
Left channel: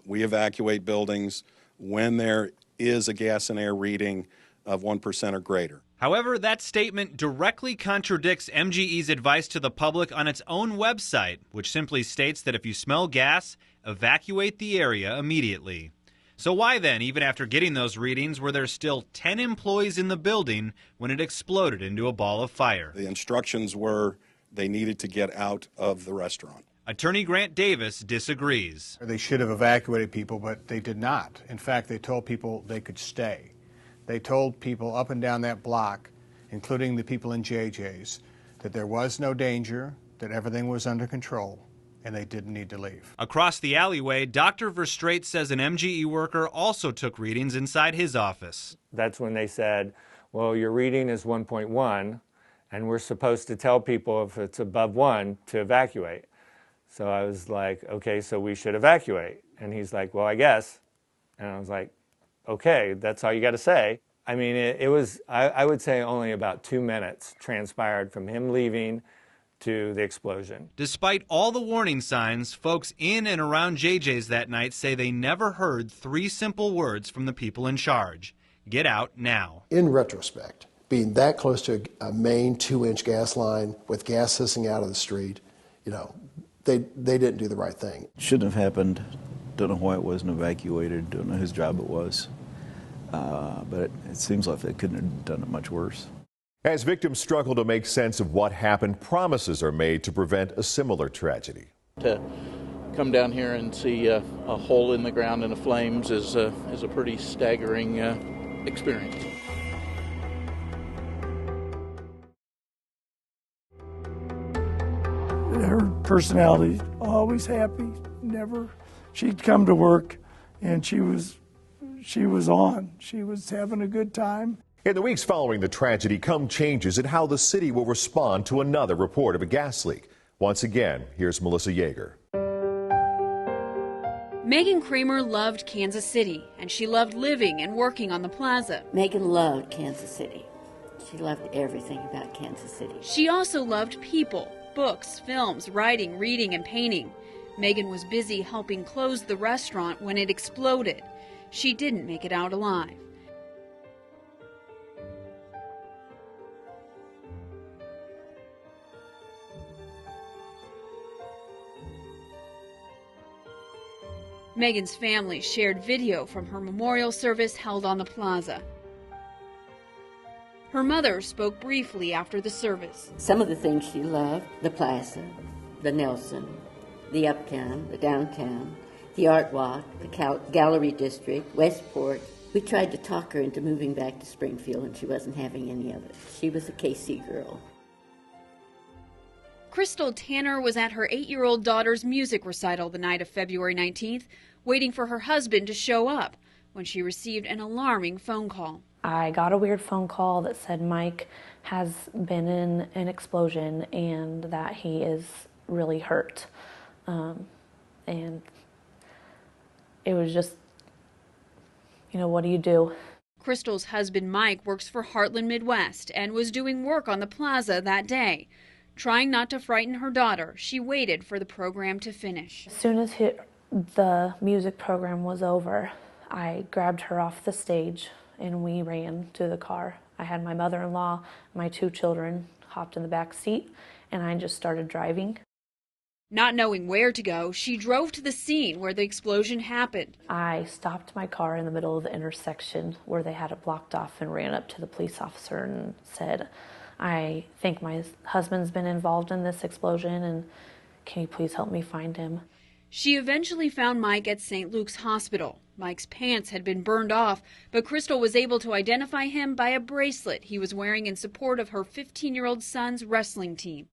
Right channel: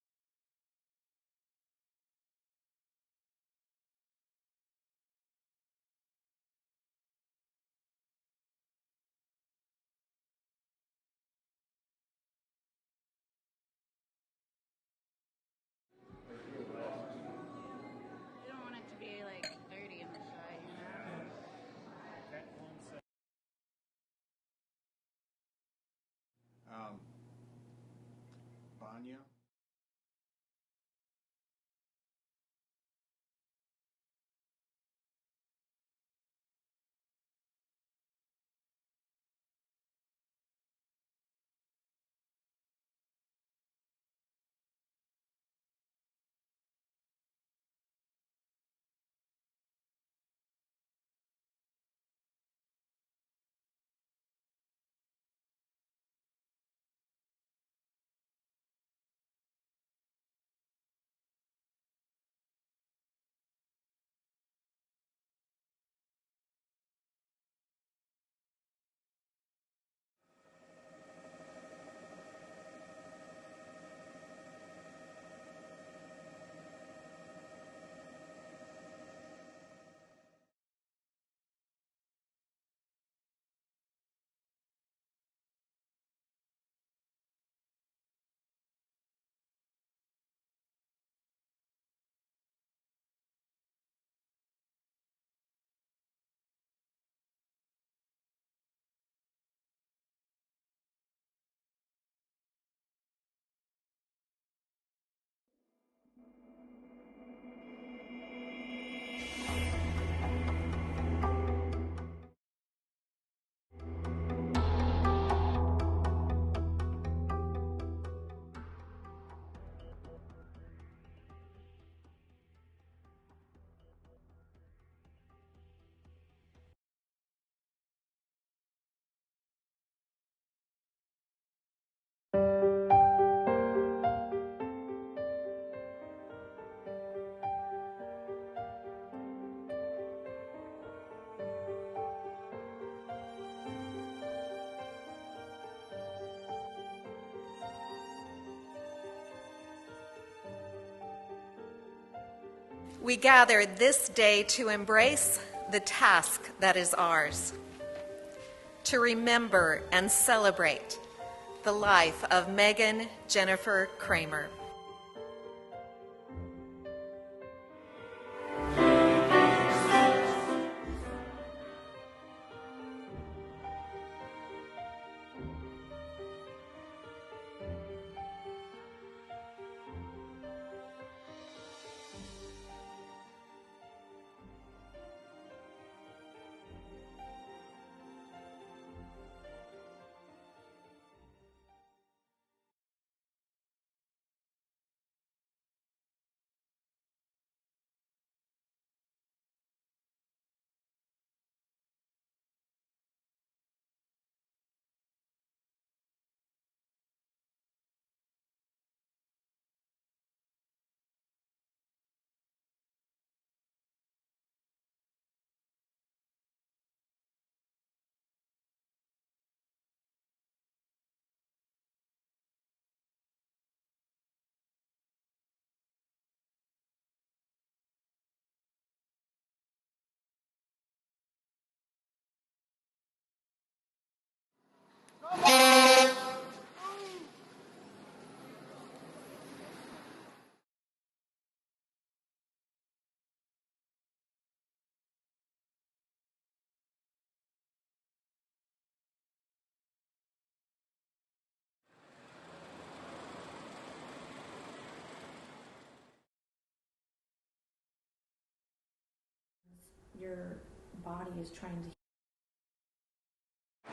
We evacuate buildings when there is a gas and air reading of 1% or greater. However, that statement directly contradicts MGE's advice to the public on its own website, which simply states that if you smell gas, evacuate the area immediately. So why then, even after getting those readings, were there still 10 employees in the building when it exploded into a ball of fire? The instructions were they needed to get out of the restaurant. Attorney Grant Davis disagrees. They should have evacuated people, but they did not. In fact, they told people they could stay. They told people up and down that block, including the people in JJ's, that there was no danger, that everything was under control, and they didn't need to leave. Across the alleyway, Dr. Verstraete says an MGE worker also took readings inside his office. That's when they said, well, your reading is 1.1, and we're supposed to tell people if it's above 1 to evacuate. So I was like, okay, so we should evacuate. And he's like, well, I guess. And I was like, okay, that's all you got to say. I mean, it was, I would say only about 2 minutes transpired from him leaving to the explosion. Despite all the warning signs, folks in and around JJ's that night say they never heard 3 simple words from the people in charge. Get out now. In retrospect, being that close to a main 2-inch gas line with gas hissing out of the street, you know, they didn't do the right thing. Shouldn't have happened. Don't know why it wasn't evacuated. Don't know whose job it was. But it seems like they couldn't have done it much worse. As victims struggle to make sense of what happened, promises are made to prevent a similar tragedy. To come down here and see a hole in the ground and the flames is a pretty staggering experience. Her personality, always happy, never. She'd come to work and she was on. She was having a good time. In the weeks following the tragedy come changes in how the city will respond to another report of a gas leak. Once again, here's Melissa Yeager. Megan Kramer loved Kansas City, and she loved living and working on the Plaza. Megan loved Kansas City. She loved everything about Kansas City. She also loved people, books, films, writing, reading, and painting. Megan was busy helping close the restaurant when it exploded. She didn't make it out alive. We gathered this day to embrace the task that is ours, to remember and celebrate the life of Megan Jennifer Kramer. Megan's family shared video from her memorial service held on the Plaza. Her mother spoke briefly after the service. Some of the things she loved, the Plaza, the Nelson, the Uptown, the Downtown, the Art Walk, the Gallery District, Westport. We tried to talk her into moving back to Springfield, and she wasn't having any of it. She was a KC girl. Crystal Tanner was at her 8-year-old daughter's music recital the night of February 19th, waiting for her husband to show up, when she received an alarming phone call. I got a weird phone call that said Mike has been in an explosion and that he is really hurt. And it was just, you know, what do you do? Crystal's husband Mike works for Heartland Midwest and was doing work on the Plaza that day. Trying not to frighten her daughter, she waited for the program to finish. As soon as the music program was over, I grabbed her off the stage and we ran to the car. I had my mother-in-law, my 2 children hopped in the back seat, and I just started driving. Not knowing where to go, she drove to the scene where the explosion happened. I stopped my car in the middle of the intersection where they had it blocked off and ran up to the police officer and said, I think my husband's been involved in this explosion, and can you please help me find him? She eventually found Mike at St. Luke's Hospital. Mike's pants had been burned off, but Crystal was able to identify him by a bracelet he was wearing in support of her 15-year-old son's wrestling team.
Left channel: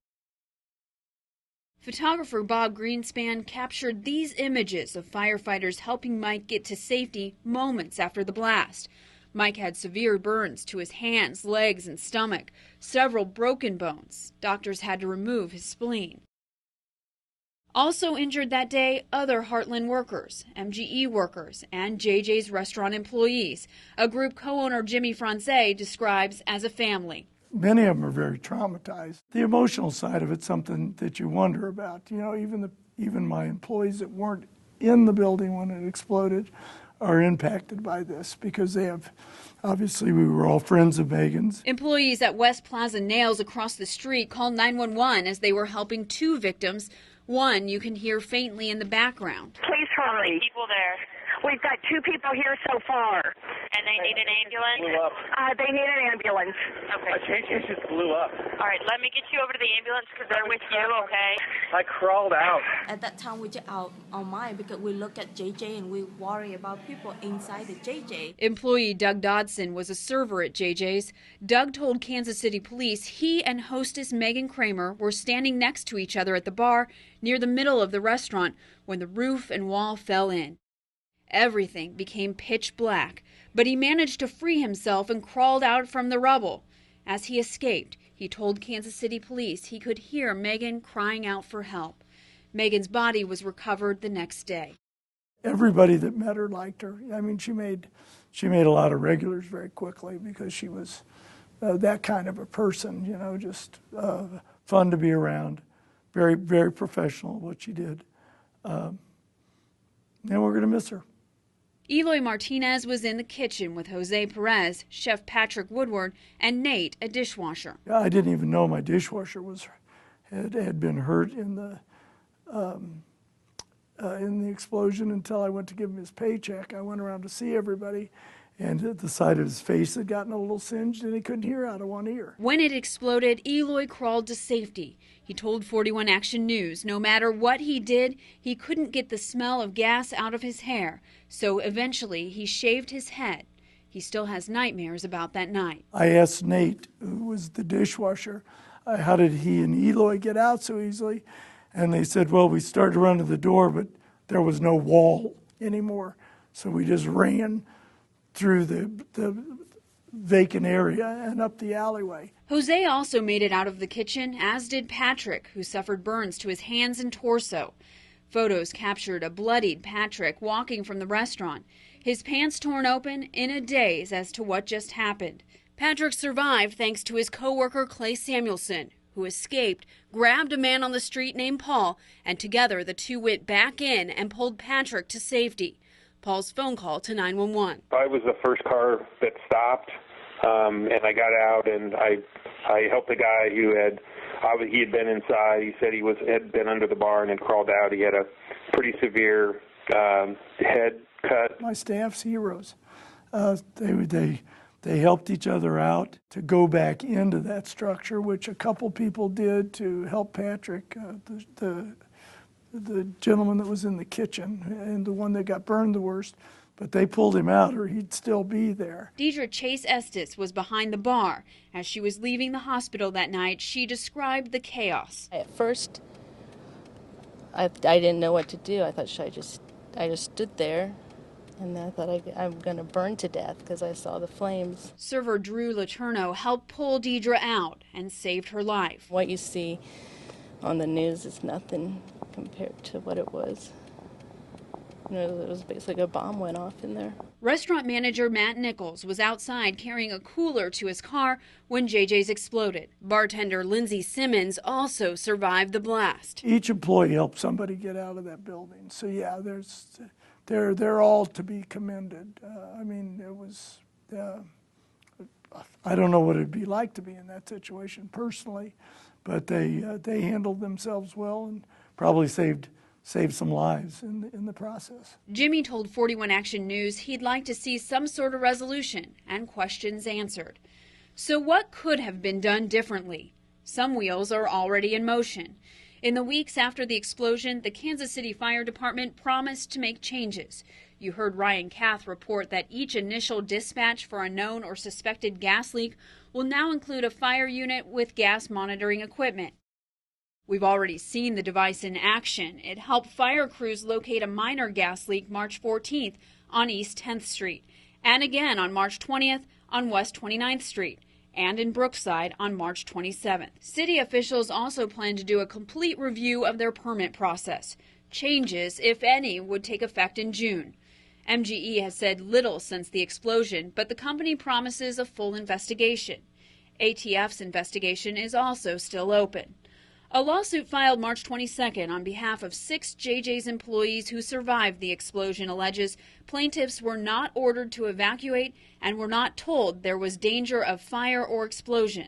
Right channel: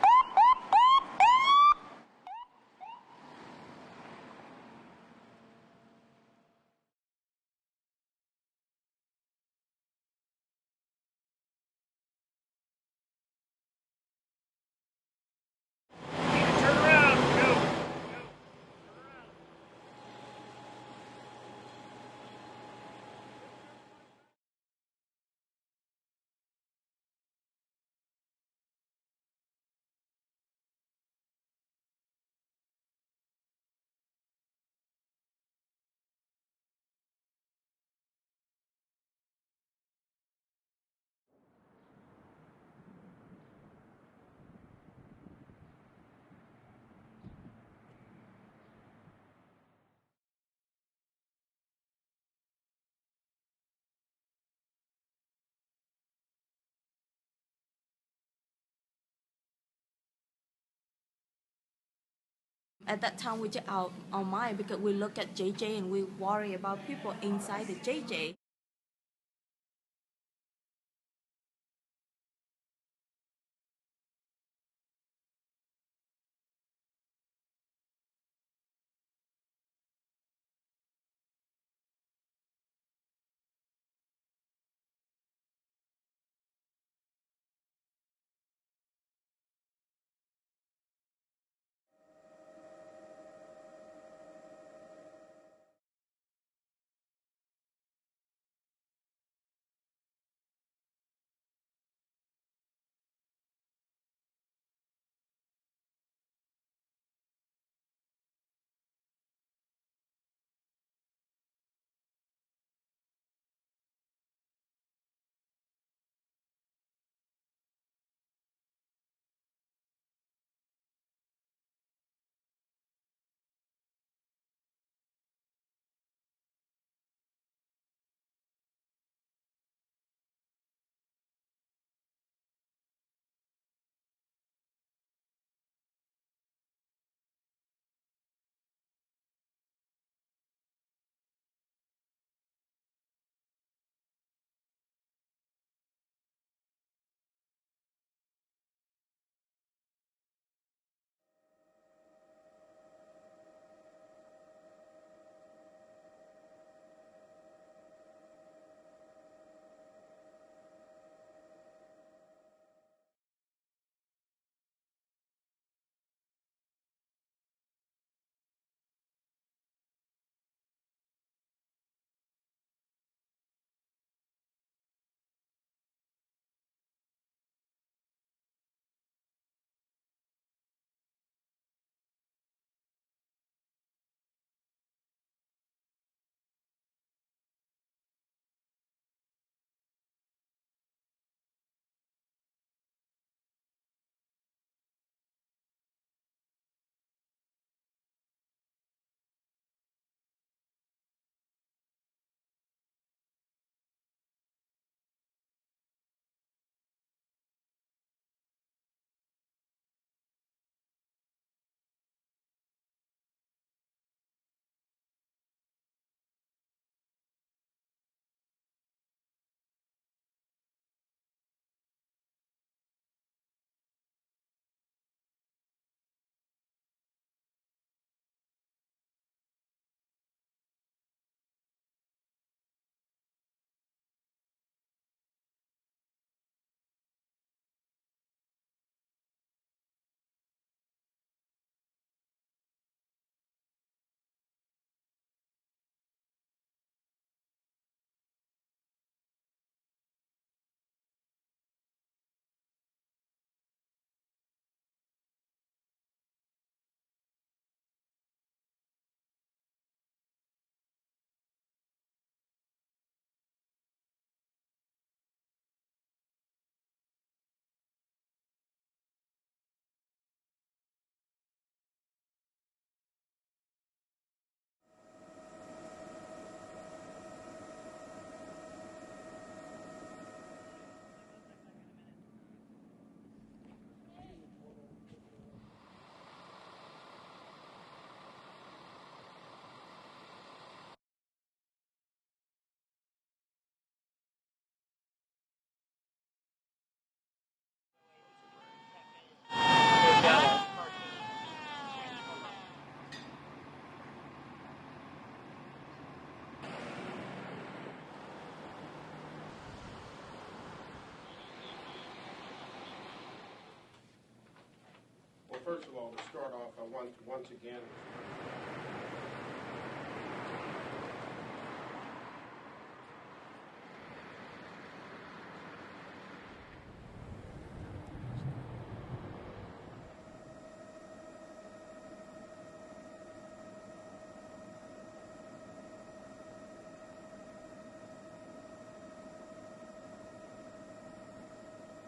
Photographer Bob Greenstein captured these images of firefighters helping Mike get to safety moments after the blast. Mike had severe burns to his hands, legs, and stomach, several broken bones. Doctors had to remove his spleen. Turn around, go. Also injured that day, other Heartland workers, MGE workers, and JJ's restaurant employees, a group co-owner Jimmy Franze describes as a family. Many of them are very traumatized. The emotional side of it's something that you wonder about. You know, even my employees that weren't in the building when it exploded are impacted by this because they have, obviously we were all friends of Megan's. Employees at West Plaza Nails across the street called 911 as they were helping 2 victims. One you can hear faintly in the background. Please hurry. People there. We've got 2 people here so far. And they need an ambulance? Blew up. They need an ambulance. Okay. It just blew up. All right, let me get you over to the ambulance because they're with you, okay? I crawled out. At that time, we just out on mind because we look at JJ and we worry about people inside the JJ. Employee Doug Dodson was a server at JJ's. Doug told Kansas City police he and hostess Megan Kramer were standing next to each other at the bar near the middle of the restaurant when the roof and wall fell in. Everything became pitch black, but he managed to free himself and crawled out from the rubble. As he escaped, he told Kansas City police he could hear Megan crying out for help. Megan's body was recovered the next day. Everybody that met her liked her. I mean, she made a lot of regulars very quickly because she was that kind of a person, you know, just fun to be around, very, very professional at what she did. And we're going to miss her. Eloy Martinez was in the kitchen with Jose Perez, Chef Patrick Woodward, and Nate, a dishwasher. I didn't even know my dishwasher had been hurt in the explosion until I went to give him his paycheck. I went around to see everybody, and the side of his face had gotten a little singed, and he couldn't hear out of one ear. When it exploded, Eloy crawled to safety. He told 41 Action News no matter what he did, he couldn't get the smell of gas out of his hair, so eventually he shaved his head. He still has nightmares about that night. I asked Nate, who was the dishwasher, how did he and Eloy get out so easily? And they said, well, we started to run to the door, but there was no wall anymore. So we just ran through the vacant area and up the alleyway. Jose also made it out of the kitchen, as did Patrick, who suffered burns to his hands and torso. Photos captured a bloodied Patrick walking from the restaurant, his pants torn open, in a daze as to what just happened. Patrick survived thanks to his co-worker Clay Samuelson, who escaped, grabbed a man on the street named Paul, and together the two went back in and pulled Patrick to safety. Paul's phone call to 911. I was the first car that stopped, and I got out, and I helped the guy who had been inside. He said had been under the bar and had crawled out. He had a pretty severe head cut. My staff's heroes. They helped each other out to go back into that structure, which a couple people did to help Patrick, the gentleman that was in the kitchen and the one that got burned the worst. But they pulled him out or he'd still be there. Deidre Chase Estes was behind the bar. As she was leaving the hospital that night, she described the chaos. At first, I didn't know what to do. I thought, I just stood there, and I thought I'm going to burn to death because I saw the flames. Server Drew Letourneau helped pull Deidre out and saved her life. What you see on the news is nothing compared to what it was. You know, it was basically a bomb went off in there. Restaurant manager Matt Nichols was outside carrying a cooler to his car when JJ's exploded. Bartender Lindsay Simmons also survived the blast. Each employee helped somebody get out of that building. So yeah, they're all to be commended. I mean, it was, I don't know what it'd be like to be in that situation personally, but they handled themselves well and probably saved some lives in the process. Jimmy told 41 Action News he'd like to see some sort of resolution and questions answered. So what could have been done differently? Some wheels are already in motion. In the weeks after the explosion, the Kansas City Fire Department promised to make changes. You heard Ryan Kath report that each initial dispatch for a known or suspected gas leak will now include a fire unit with gas monitoring equipment. We've already seen the device in action. It helped fire crews locate a minor gas leak March 14th on East 10th Street, and again on March 20th on West 29th Street, and in Brookside on March 27th. City officials also plan to do a complete review of their permit process. Changes, if any, would take effect in June. MGE has said little since the explosion, but the company promises a full investigation. ATF's investigation is also still open. A lawsuit filed March 22nd on behalf of 6 JJ's employees who survived the explosion alleges plaintiffs were not ordered to evacuate and were not told there was danger of fire or explosion.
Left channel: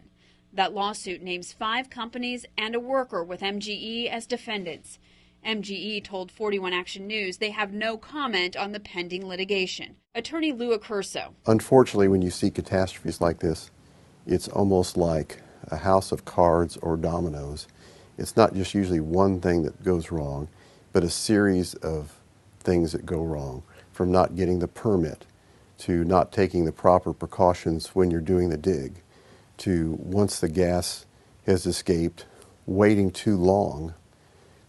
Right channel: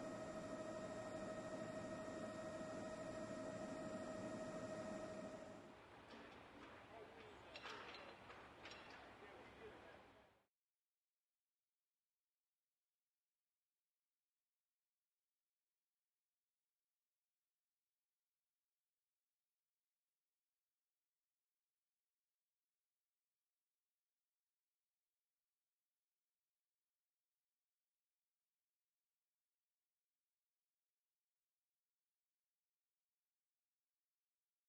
That lawsuit names 5 companies and a worker with MGE as defendants. MGE told 41 Action News they have no comment on the pending litigation. Attorney Lou Accurso. Unfortunately, when you see catastrophes like this, it's almost like a house of cards or dominoes. It's not just usually one thing that goes wrong, but a series of things that go wrong, from not getting the permit, to not taking the proper precautions when you're doing the dig, to once the gas has escaped, waiting too long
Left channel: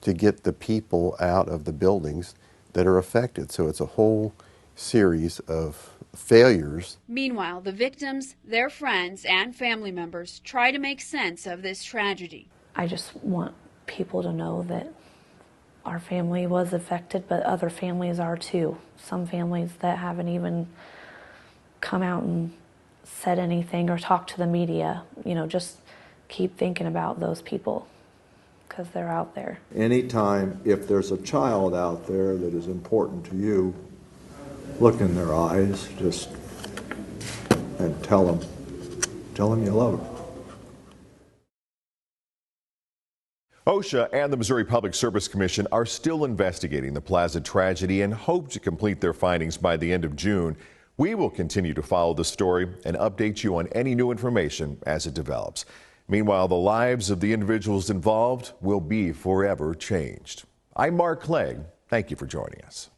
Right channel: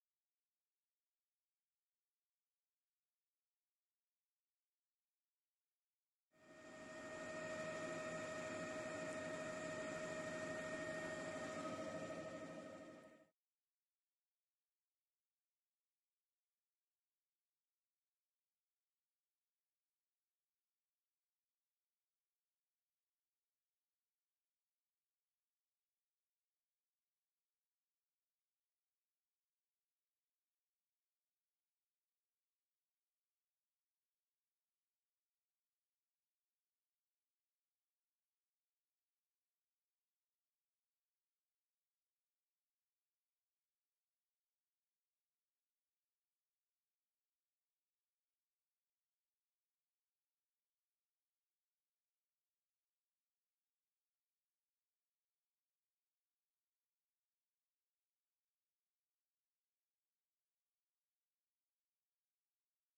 to get the people out of the buildings that are affected. So it's a whole series of failures. Meanwhile, the victims, their friends, and family members try to make sense of this tragedy. I just want people to know that our family was affected, but other families are too. Some families that haven't even come out and said anything or talked to the media. You know, just keep thinking about those people because they're out there. Anytime, if there's a child out there that is important to you, look in their eyes, just, and tell them you love them. OSHA and the Missouri Public Service Commission are still investigating the Plaza tragedy and hope to complete their findings by the end of June. We will continue to follow the story and update you on any new information as it develops. Meanwhile, the lives of the individuals involved will be forever changed. I'm Mark Clegg. Thank you for joining us.